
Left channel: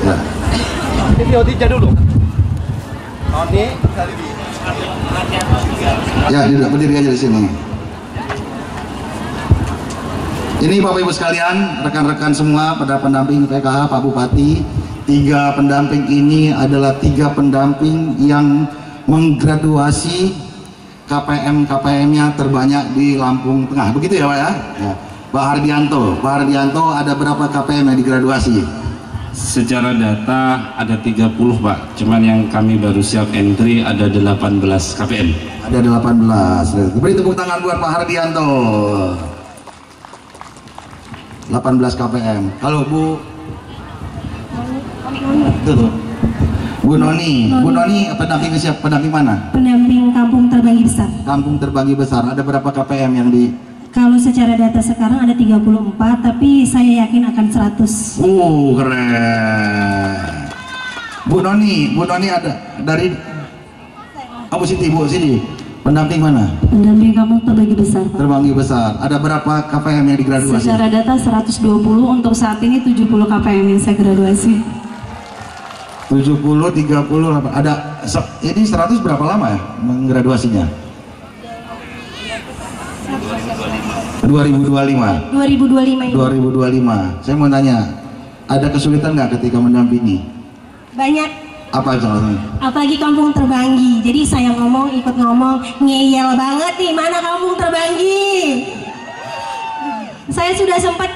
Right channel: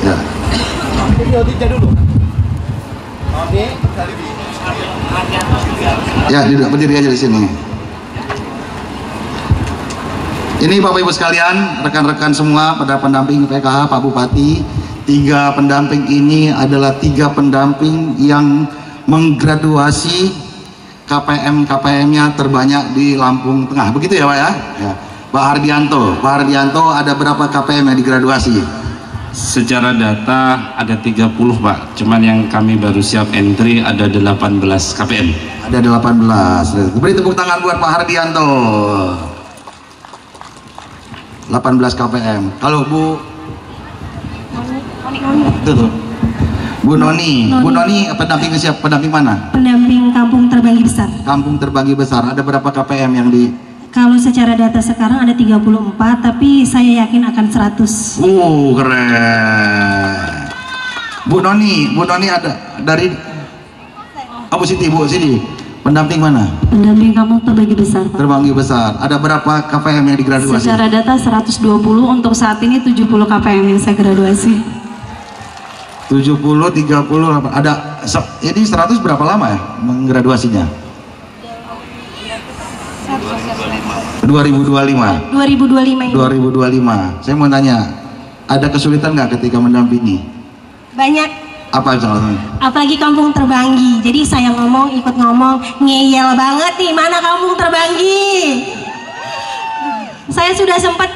Ya. Ya, berdiri aja di sini. Ini Bapak Ibu sekalian, rekan-rekan semua pada pendamping PKH, Pak Bupati, 3 pendamping ini adalah 3 pendamping yang menggraduasi KPM-nya terbanyak di Lampung Tengah. Begitu ya Pak ya? Ya. Pak Hardianto ada berapa KPM yang digraduasi? Secara data ada 30 Pak, cuman yang kami baru siap entry ada 18 KPM. Ada 18. Beri tepuk tangan buat Pak Hardianto. 18 KPM. Kalau Bu Bu Noni pendamping siapa? Pendamping mana? Pendamping Kampung Terbanggi Besar. Kampung Terbanggi Besar. Ada berapa KPM yang di? Kalau secara data sekarang ada 34, tapi saya yakin akan 100. Keren. Bu Noni ada dari Bu Siti, pendamping mana? Pendamping Kampung Terbanggi Besar, Pak. Terbanggi Besar. Ada berapa KPM yang digraduasi? Secara data 120, untuk saat ini 70 KPM yang saya graduasi. 70, 30, ada. Ini 100 berapa lama ya menggraduasinya? 2025. 2025 ini. 2025. Saya mau tanya, ada kesulitan nggak ketika mendampingi? Banyak. Apa soalnya? Apalagi Kampung Terbanggi. Jadi saya ikut ngomong, ngeyel banget nih, mana Kampung Terbanggi? Saya sudah sempat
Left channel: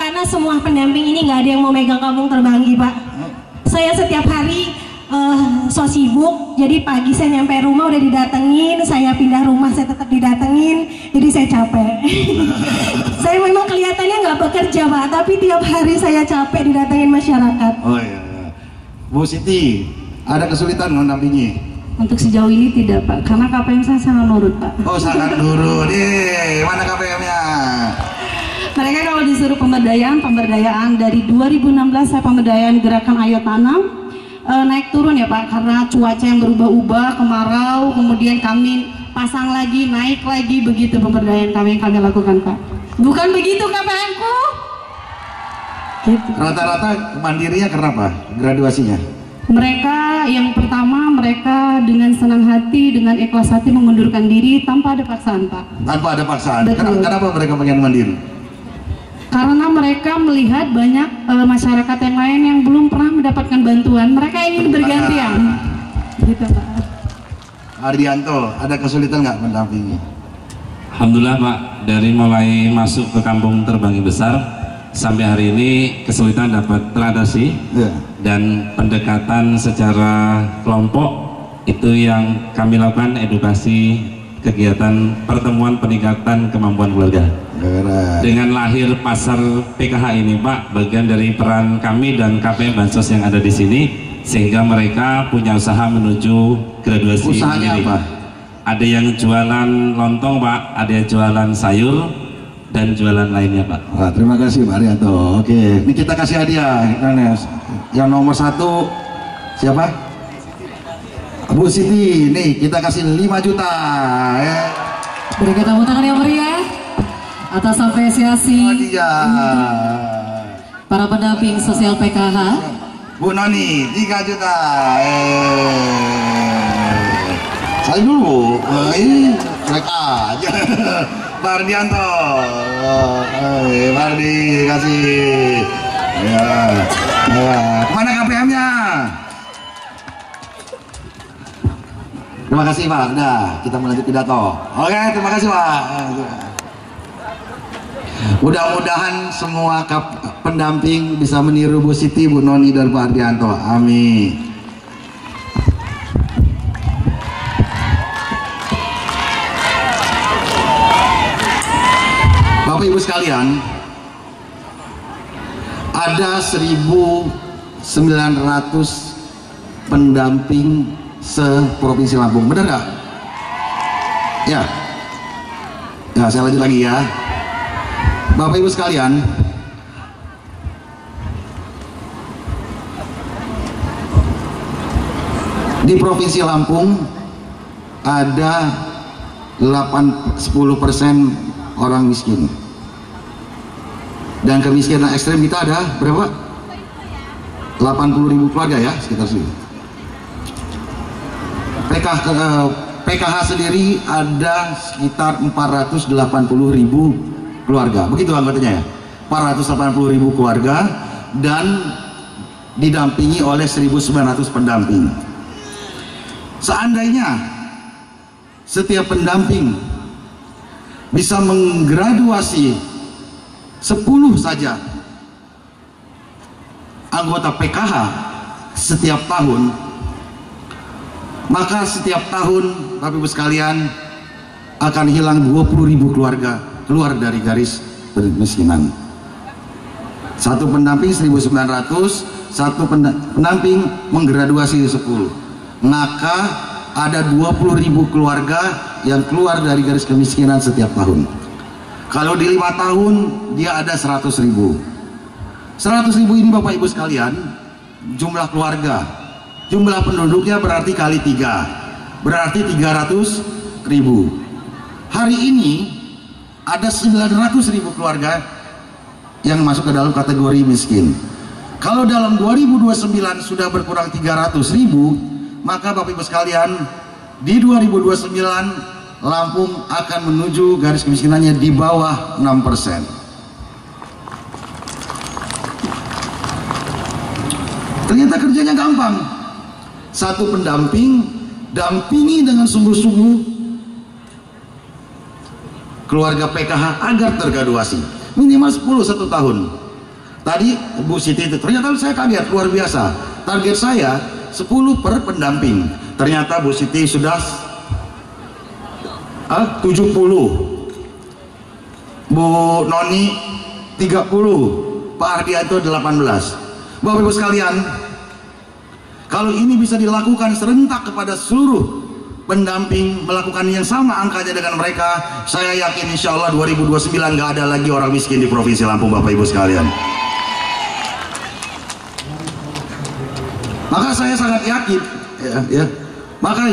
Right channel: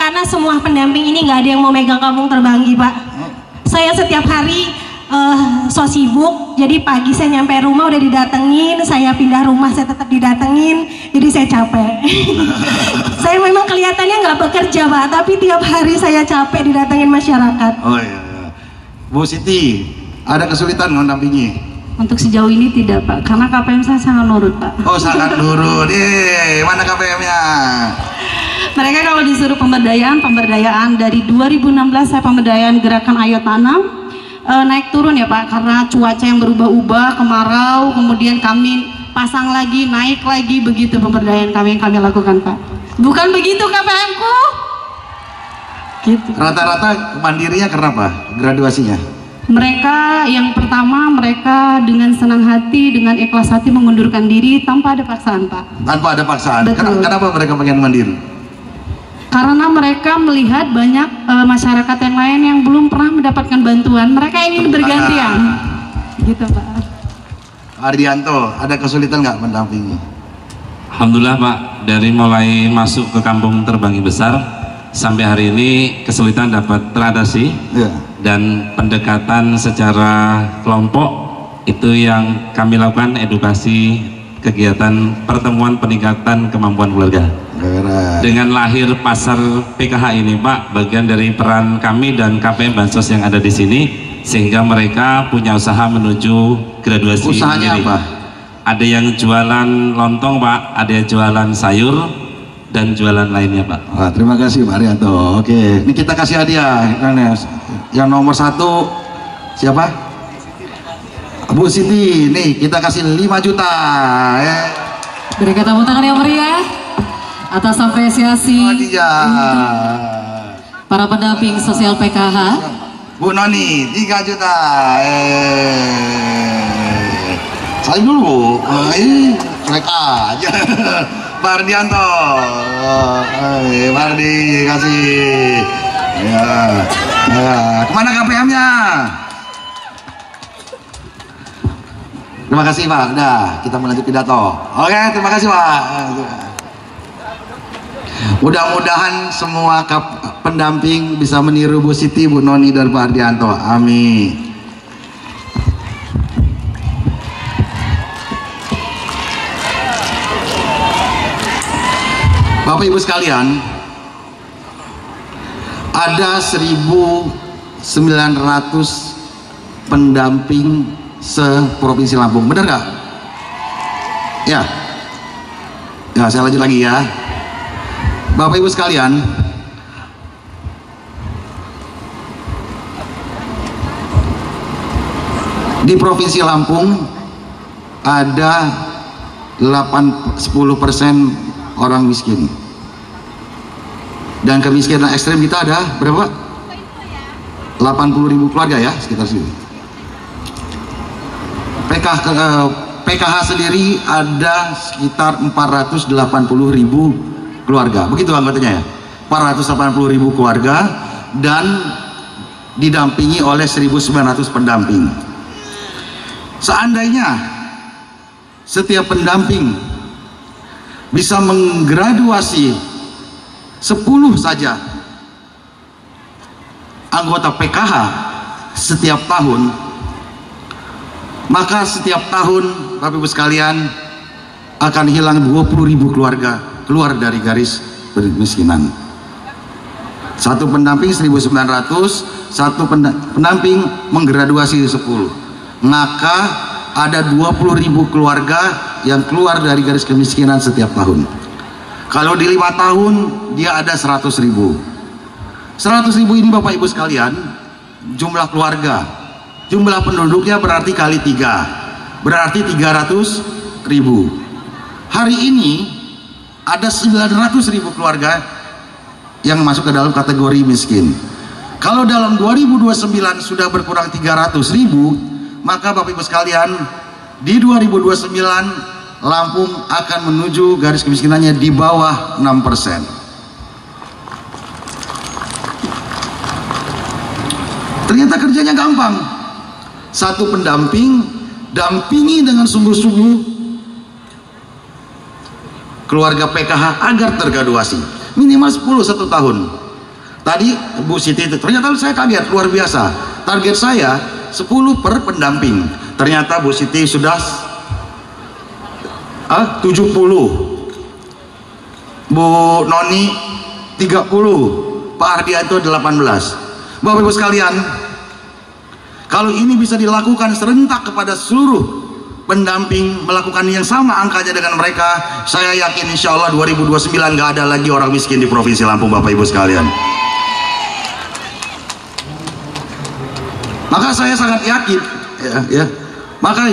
karena semua pendamping ini nggak ada yang mau megang Kampung Terbanggi, Pak. Saya setiap hari so sibuk, jadi pagi saya nyampe rumah udah didatengin, saya pindah rumah saya tetap didatengin, jadi saya capek. Saya memang kelihatannya nggak bekerja Pak, tapi tiap hari saya capek didatengin masyarakat. Oh iya. Bu Siti, ada kesulitan mendampingi? Untuk sejauh ini tidak Pak, karena KPM saya sangat nurut Pak. Oh sangat nurut, mana KPM-nya? Mereka kalau disuruh pemberdayaan dari 2016 saya pemberdayaan gerakan Ayo Tanam. Naik turun ya Pak, karena cuaca yang berubah-ubah, kemarau, kemudian kami pasang lagi, naik lagi, begitu pemberdayaan yang kami lakukan Pak. Bukan begitu KPM-ku? Gitu. Rata-rata mandirinya kenapa graduasinya? Mereka yang pertama, mereka dengan senang hati, dengan ikhlas hati mengundurkan diri tanpa ada paksaan Pak. Tanpa ada paksaan? Betul. Kenapa mereka pengen mandiri? Karena mereka melihat banyak masyarakat yang lain yang belum pernah mendapatkan bantuan, mereka ingin bergantian. Gitu Pak. Hardianto, ada kesulitan nggak mendampingi? Alhamdulillah Pak, dari mulai masuk ke Kampung Terbanggi Besar sampai hari ini kesulitan dapat teratasi, dan pendekatan secara kelompok itu yang kami lakukan, edukasi, kegiatan pertemuan peningkatan kemampuan keluarga. Dengan lahir pasar PKH ini Pak, bagian dari peran kami dan KPM Bansos yang ada di sini, sehingga mereka punya usaha menuju graduasi. Usahanya apa? Ada yang jualan lontong Pak, ada yang jualan sayur, dan jualan lainnya Pak. Wah, terima kasih Pak Arianto. Oke, ini kita kasih hadiah. Yang nomor 1 siapa? Bu Siti. Nih kita kasih 5 juta. Berikan tepuk tangan yang meriah atas apresiasi para pendamping sosial PKH. Bu Noni 3 juta. Saling dulu. Naik aja. Pak Ardianto. Pak Ardi kasih. Ya. Kemana KPM-nya? Terima kasih Pak. Udah, kita melanjut pidato. Oke, terima kasih Pak. Mudah-mudahan semua pendamping bisa meniru Bu Siti, Bu Noni, dan Pak Ardianto. Amin. Bapak Ibu sekalian, ada 1.900 pendamping se-Provinsi Lampung, benar nggak? Ya, saya lanjut lagi ya. Bapak Ibu sekalian, di Provinsi Lampung ada 10% orang miskin, dan kemiskinan ekstrem kita ada berapa? 80.000 keluarga ya, sekitar sini. PKH sendiri ada sekitar 480.000 keluarga, begitu anggotanya ya, 480.000 keluarga, dan didampingi oleh 1.900 pendamping. Seandainya setiap pendamping bisa menggraduasi 10 saja anggota PKH setiap tahun, maka setiap tahun Bapak Ibu sekalian akan hilang 20.000 keluarga keluar dari garis kemiskinan. Satu pendamping 1.900, satu pendamping menggraduasi 10, maka ada 20.000 keluarga yang keluar dari garis kemiskinan setiap tahun. Kalau di 5 tahun dia ada 100.000. 100.000 ini Bapak Ibu sekalian jumlah keluarga, jumlah penduduknya berarti kali 3, berarti 300.000. Hari ini ada 900.000 keluarga yang masuk ke dalam kategori miskin. Kalau dalam 2029 sudah berkurang 300.000, maka Bapak Ibu sekalian di 2029 Lampung akan menuju garis kemiskinannya di bawah 6%. Ternyata kerjanya gampang. Satu pendamping, dampingi dengan sungguh-sungguh keluarga PKH agar tergraduasi minimal 10 1 tahun. Tadi Bu Siti itu ternyata saya kaget, luar biasa. Target saya 10 per pendamping. Ternyata Bu Siti sudah 70, Bu Noni 30, Pak Ardianto 18. Bapak Ibu sekalian, kalau ini bisa dilakukan serentak kepada seluruh pendamping melakukan yang sama angkanya dengan mereka, saya yakin insya Allah 2029 nggak ada lagi orang miskin di Provinsi Lampung, Bapak Ibu sekalian. Maka saya sangat yakin maka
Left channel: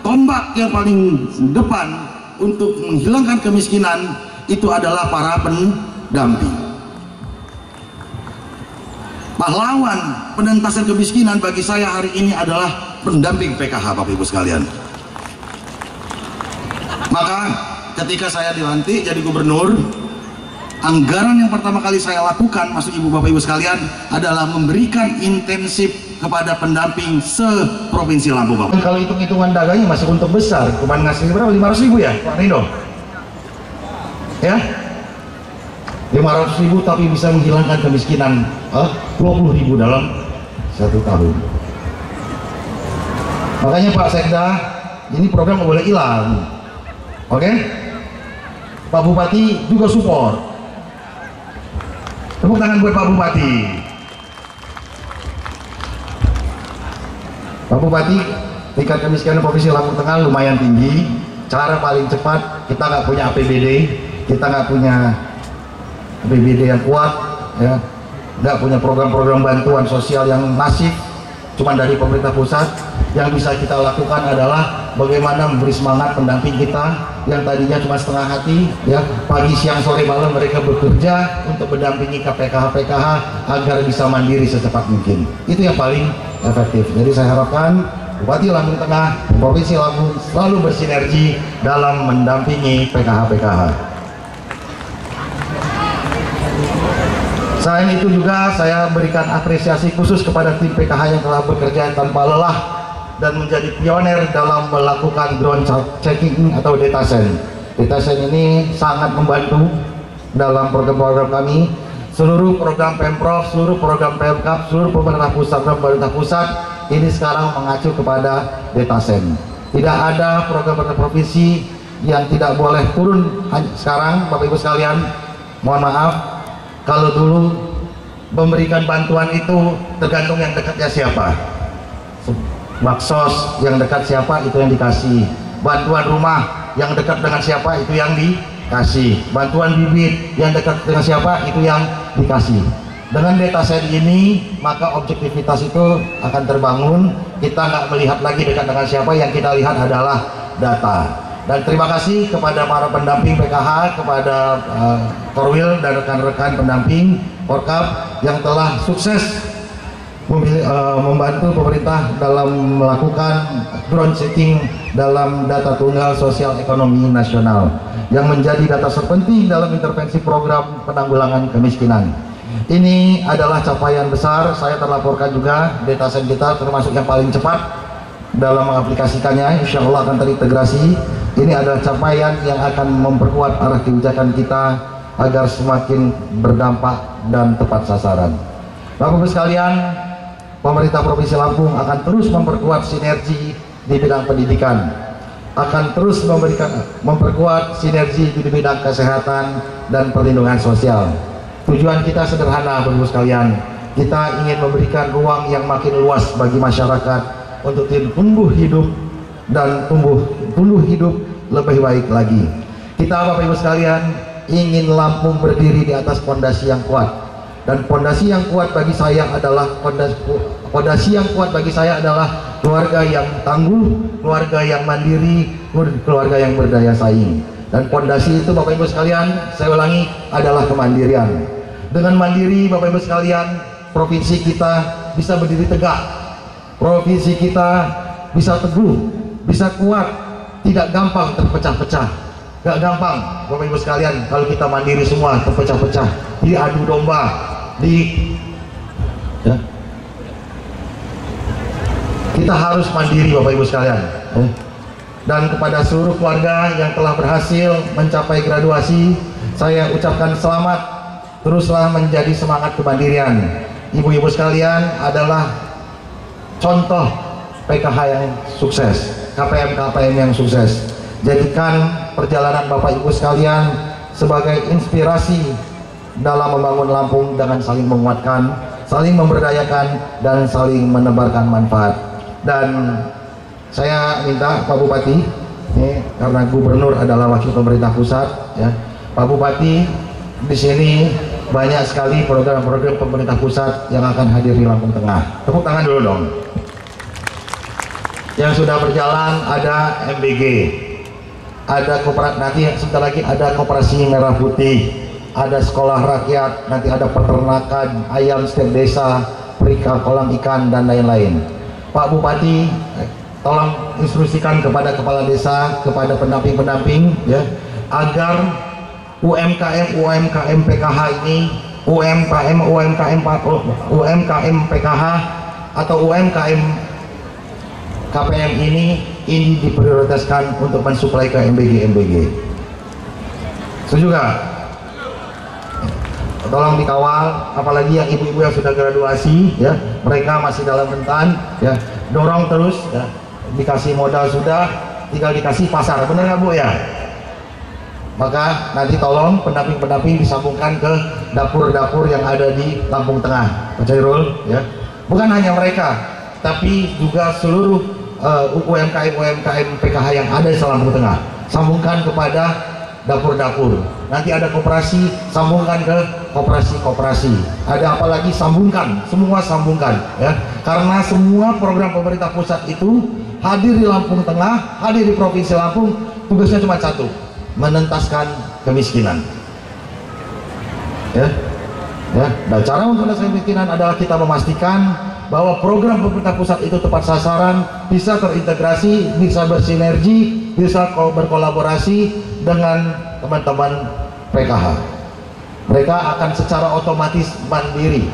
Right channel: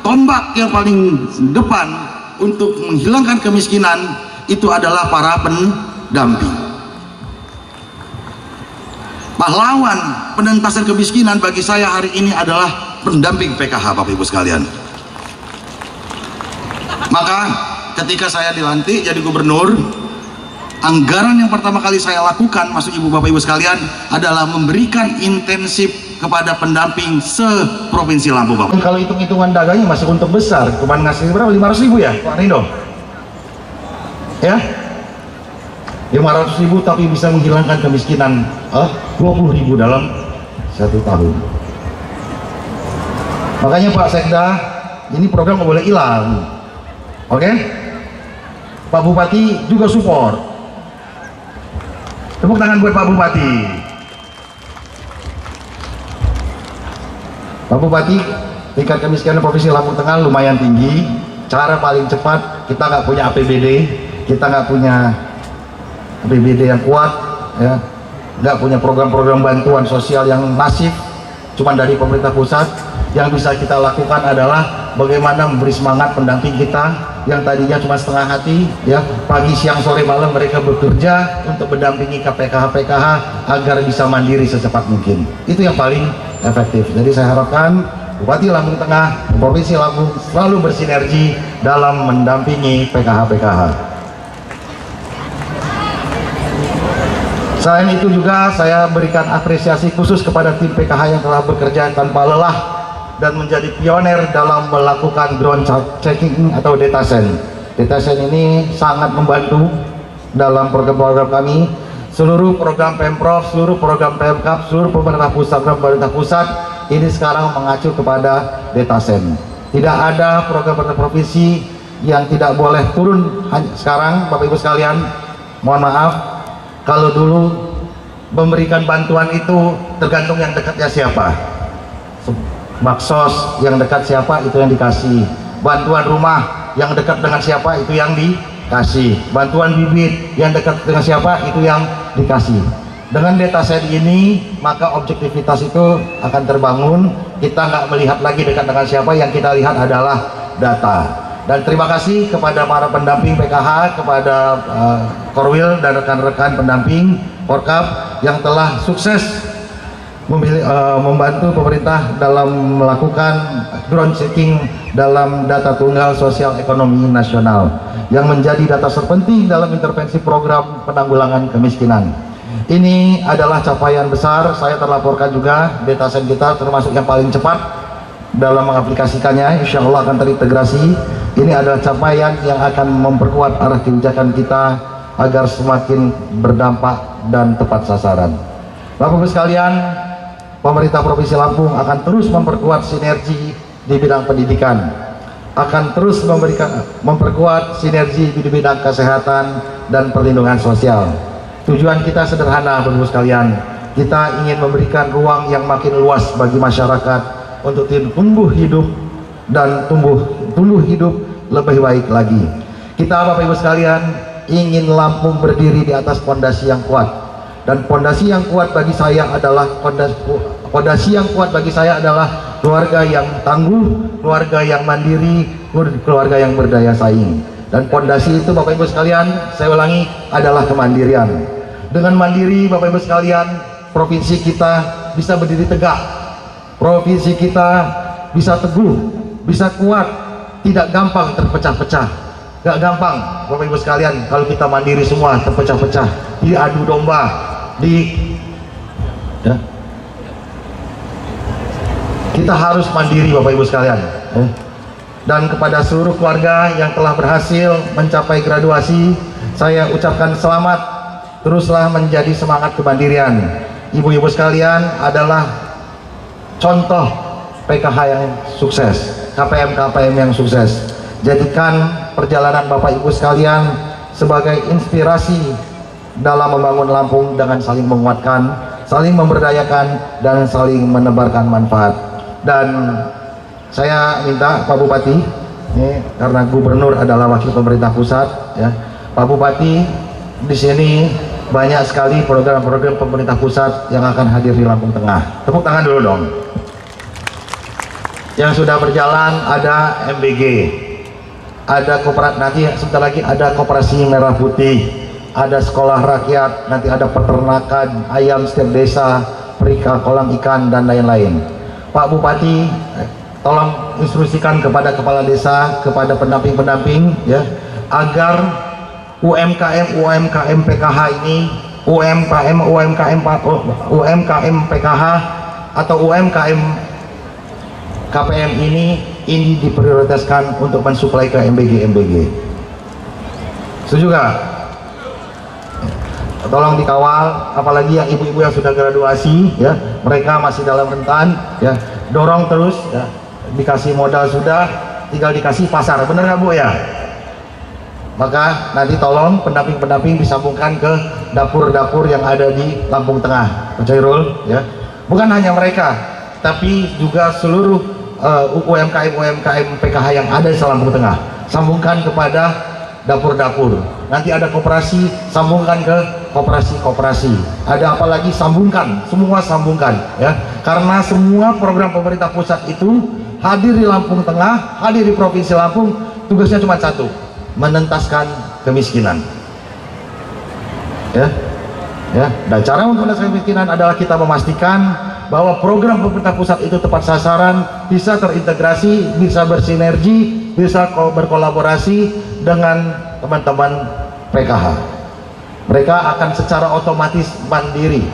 tombak yang paling depan untuk menghilangkan kemiskinan itu adalah para pendamping. Pahlawan penentasan kemiskinan bagi saya hari ini adalah pendamping PKH, Bapak Ibu sekalian. Maka ketika saya dilantik jadi gubernur, anggaran yang pertama kali saya lakukan, masuk Ibu Bapak Ibu sekalian, adalah memberikan intensif kepada pendamping se-Provinsi Lampung, Bapak. Kalau hitung-hitungan dagangnya masih untung besar, kemarin ngasih berapa? 500.000 ya Pak Rindo? Ya? 500.000 tapi bisa menghilangkan kemiskinan 20.000 dalam 1 tahun. Makanya Pak Sekda, ini program nggak boleh hilang. Oke? Pak Bupati juga support. Tepuk tangan buat Pak Bupati. Pak Bupati, tingkat kemiskinan Provinsi Lampung Tengah lumayan tinggi. Cara paling cepat, kita nggak punya APBD, kita nggak punya APBD yang kuat, ya, nggak punya program-program bantuan sosial yang masif, cuma dari pemerintah pusat. Yang bisa kita lakukan adalah bagaimana memberi semangat pendamping kita yang tadinya cuma setengah hati, ya, pagi, siang, sore, malam mereka bekerja untuk mendampingi KPKH agar bisa mandiri secepat mungkin. Itu yang paling efektif. Jadi saya harapkan Bupati Lampung Tengah, Provinsi Lampung selalu bersinergi dalam mendampingi PKH. Selain itu juga saya berikan apresiasi khusus kepada tim PKH yang telah bekerja tanpa lelah dan menjadi pioner dalam melakukan drone checking atau datasen. Datasen ini sangat membantu dalam program-program kami. Seluruh program Pemprov, seluruh program Pemkab, seluruh pemerintah pusat ini sekarang mengacu kepada datasen. Tidak ada program provinsi yang tidak boleh turun. Sekarang Bapak Ibu sekalian, mohon maaf, kalau dulu memberikan bantuan itu tergantung yang dekatnya siapa. Baksos yang dekat siapa itu yang dikasih. Bantuan rumah yang dekat dengan siapa itu yang dikasih. Bantuan bibit yang dekat dengan siapa itu yang dikasih. Dengan dataset ini maka objektivitas itu akan terbangun. Kita nggak melihat lagi dekat dengan siapa, yang kita lihat adalah data. Dan terima kasih kepada para pendamping PKH, kepada Korwil dan rekan-rekan pendamping Porkap yang telah sukses membantu pemerintah dalam melakukan drone checking dalam data tunggal sosial ekonomi nasional yang menjadi data terpenting dalam intervensi program penanggulangan kemiskinan. Ini adalah capaian besar. Saya terlaporkan juga dataset kita termasuk yang paling cepat dalam mengaplikasikannya, insya Allah akan terintegrasi. Ini adalah capaian yang akan memperkuat arah kebijakan kita agar semakin berdampak dan tepat sasaran. Bapak-Ibu sekalian, pemerintah Provinsi Lampung akan terus memperkuat sinergi di bidang pendidikan, akan terus memperkuat sinergi di bidang kesehatan dan perlindungan sosial. Tujuan kita sederhana, Bapak-Ibu sekalian, kita ingin memberikan ruang yang makin luas bagi masyarakat untuk tumbuh hidup dan tumbuh hidup lebih baik lagi. Kita, Bapak-Ibu sekalian, ingin Lampung berdiri di atas fondasi yang kuat. Dan fondasi yang kuat bagi saya adalah keluarga yang tangguh, keluarga yang mandiri, keluarga yang berdaya saing. Dan fondasi itu, Bapak Ibu sekalian, saya ulangi, adalah kemandirian. Dengan mandiri, Bapak Ibu sekalian, provinsi kita bisa berdiri tegak, provinsi kita bisa teguh, bisa kuat, tidak gampang terpecah-pecah. Gak gampang, Bapak Ibu sekalian, kalau kita mandiri semua terpecah-pecah, diadu domba, kita harus mandiri, Bapak Ibu sekalian. Dan kepada seluruh keluarga yang telah berhasil mencapai graduasi, saya ucapkan selamat. Teruslah menjadi semangat kemandirian. Ibu-ibu sekalian adalah contoh PKH yang sukses, KPM yang sukses. Jadikan perjalanan Bapak Ibu sekalian sebagai inspirasi dalam membangun Lampung dengan saling menguatkan, saling memberdayakan, dan saling menebarkan manfaat. Dan saya minta Pak Bupati, ini karena Gubernur adalah wakil pemerintah pusat, ya, Pak Bupati, di sini banyak sekali program-program pemerintah pusat yang akan hadir di Lampung Tengah. Tepuk tangan dulu dong. Yang sudah berjalan ada MBG, ada koperasi, nanti sebentar lagi ada koperasi merah putih, ada sekolah rakyat, nanti ada peternakan ayam setiap desa, perika kolam ikan, dan lain-lain. Pak Bupati, tolong instruksikan kepada kepala desa, kepada pendamping-pendamping, ya, agar UMKM PKH ini, UMKM PKH atau UMKM KPM ini diprioritaskan untuk mensuplai ke MBG. Setuju gak? tolong dikawal, apalagi yang ibu-ibu yang sudah graduasi ya, mereka masih dalam rentan ya, dorong terus ya, dikasih modal sudah, tinggal dikasih pasar, bener nggak Bu ya? Maka nanti tolong pendamping-pendamping disambungkan ke dapur-dapur yang ada di Lampung Tengah, Pak Chairul ya. Bukan hanya mereka, tapi juga seluruh UMKM PKH yang ada di Lampung Tengah, sambungkan kepada dapur-dapur. Nanti ada koperasi, sambungkan ke koperasi-koperasi. Ada apa lagi, sambungkan, semua sambungkan ya. Karena semua program pemerintah pusat itu hadir di Lampung Tengah, hadir di Provinsi Lampung, tugasnya cuma satu, menentaskan kemiskinan. Ya. Dan cara untuk menentaskan kemiskinan adalah kita memastikan bahwa program pemerintah pusat itu tepat sasaran, bisa terintegrasi, bisa bersinergi, bisa berkolaborasi dengan teman-teman PKH. Mereka akan secara otomatis mandiri,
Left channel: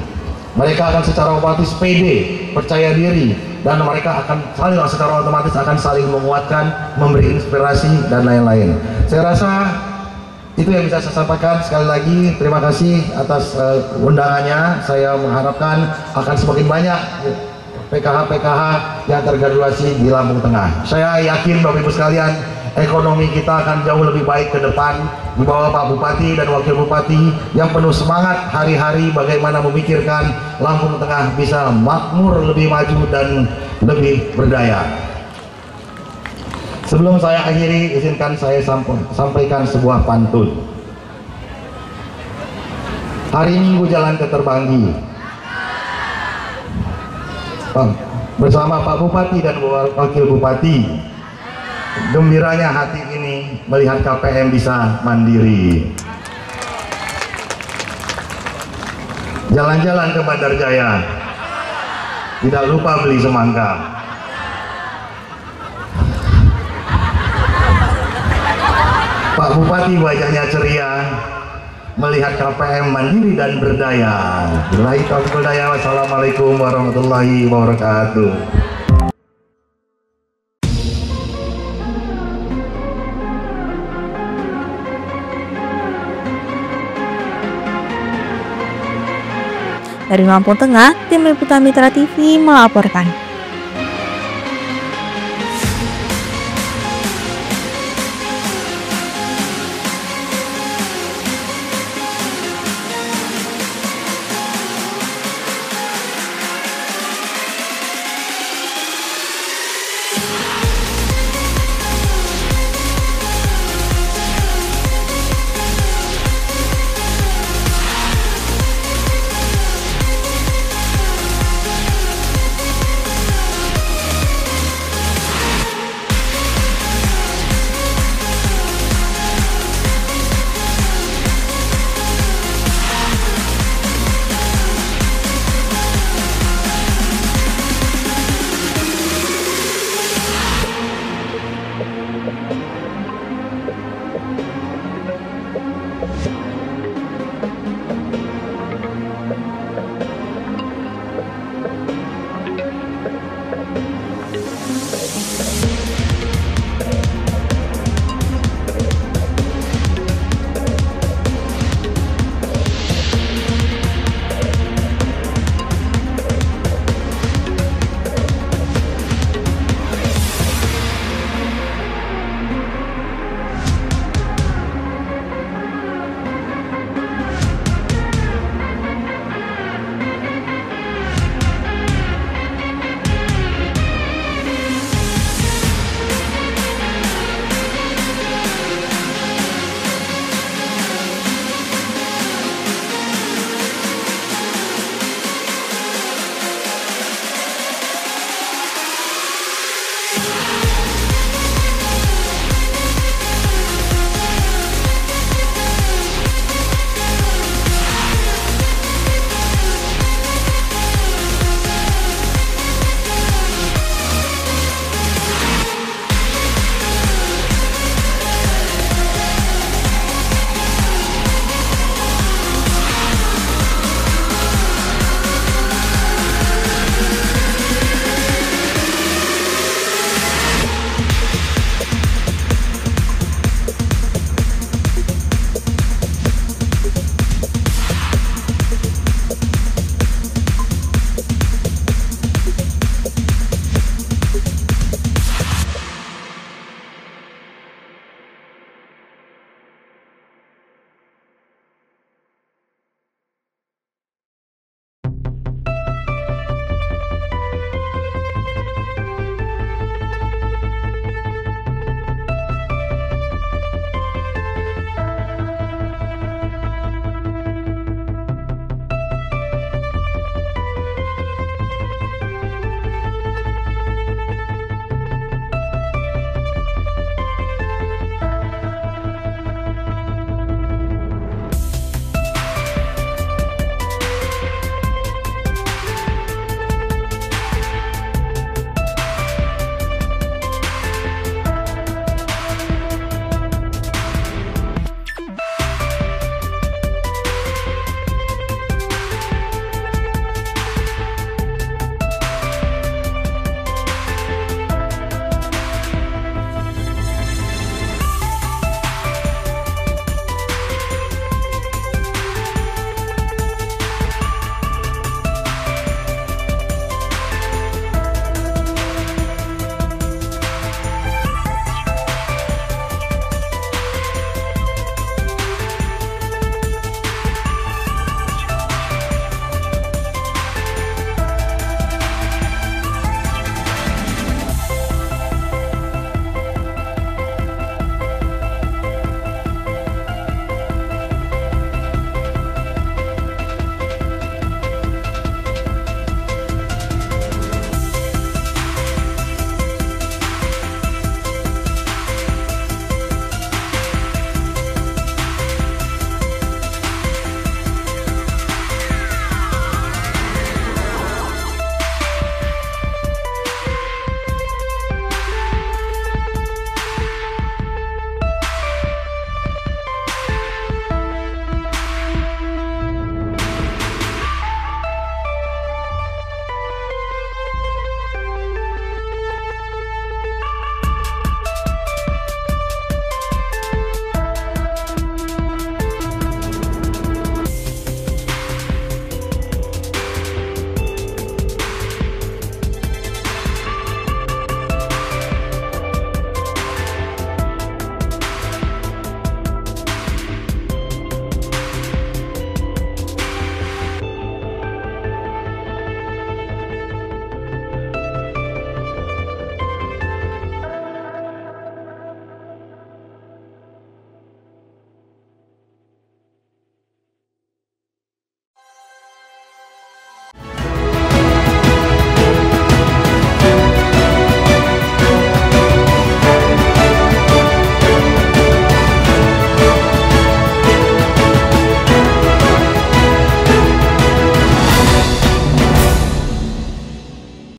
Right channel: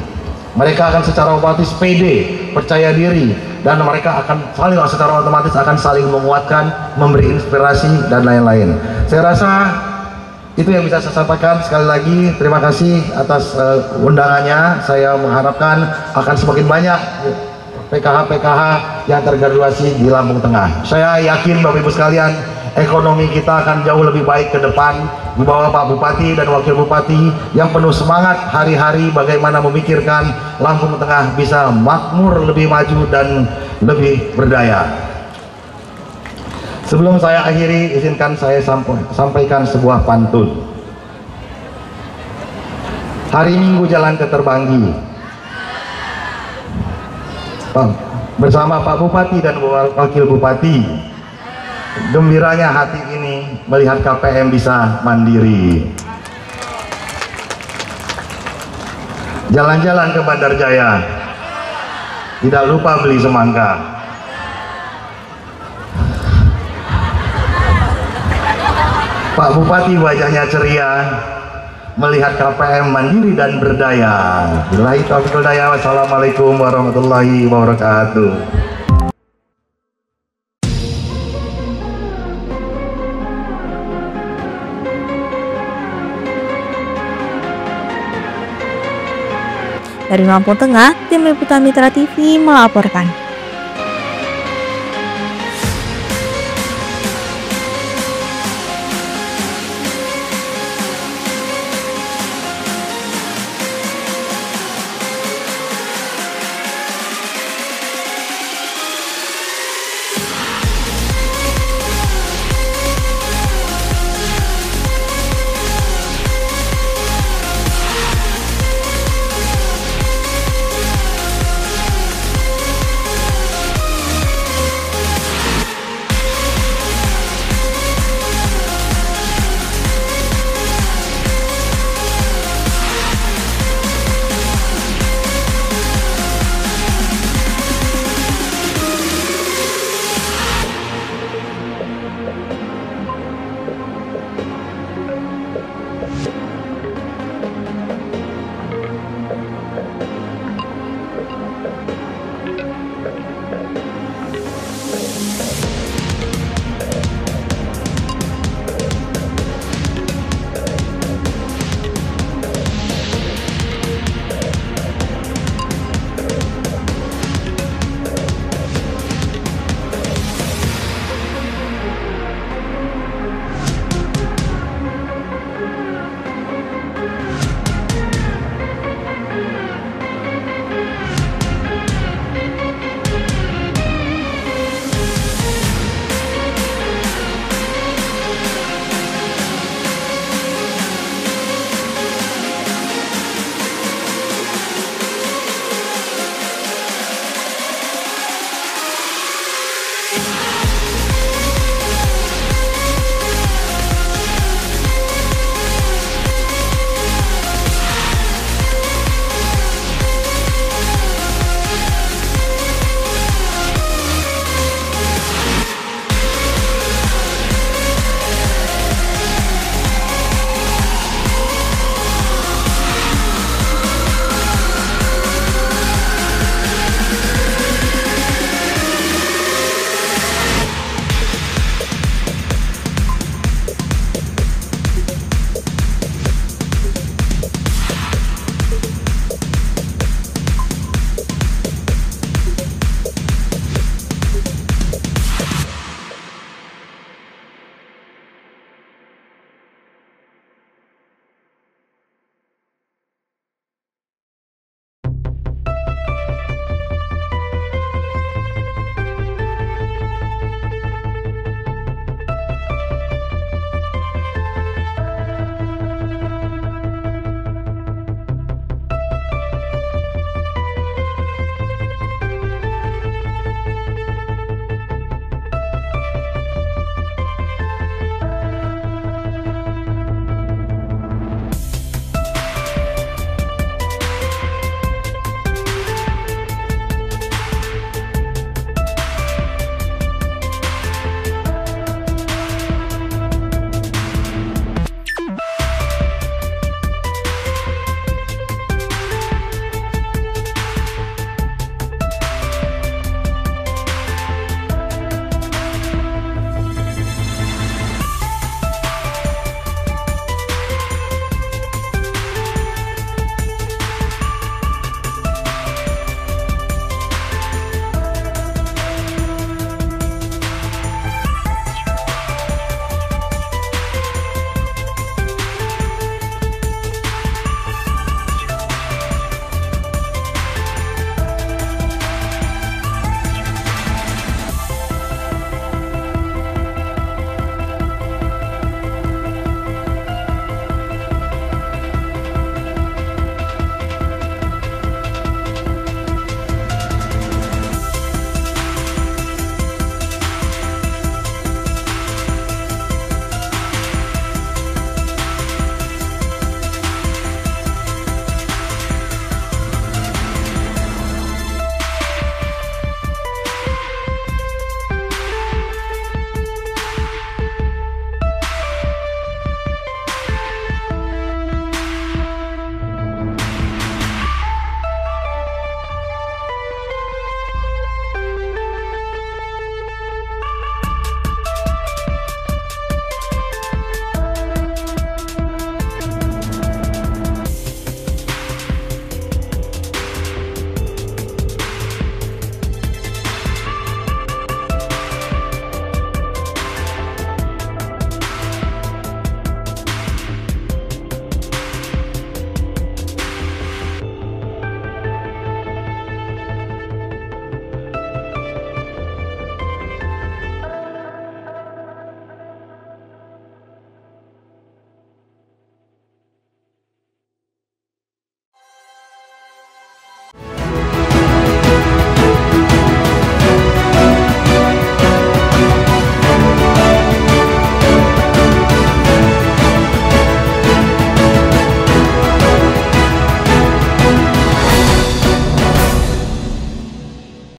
mereka akan secara otomatis pede, percaya diri, dan mereka akan secara otomatis akan saling menguatkan, memberi inspirasi dan lain-lain. Saya rasa itu yang bisa saya sampaikan. Sekali lagi terima kasih atas undangannya. Saya mengharapkan akan semakin banyak PKH-PKH yang tergraduasi di Lampung Tengah. Saya yakin Bapak Ibu sekalian, ekonomi kita akan jauh lebih baik ke depan di bawah Pak Bupati dan Wakil Bupati yang penuh semangat hari-hari bagaimana memikirkan Lampung Tengah bisa makmur, lebih maju dan lebih berdaya. Sebelum saya akhiri, izinkan saya sampaikan sebuah pantun. Hari Minggu jalan ke Terbanggi bersama Pak Bupati dan Wakil Bupati. Gembiranya hati ini melihat KPM bisa mandiri. Jalan-jalan ke Bandarjaya, tidak lupa beli semangka. Pak Bupati wajahnya ceria melihat KPM mandiri dan berdaya. Billahi taufiq wal hidayah. Wassalamualaikum warahmatullahi wabarakatuh. Dari Lampung Tengah, tim Liputan Mitra TV melaporkan.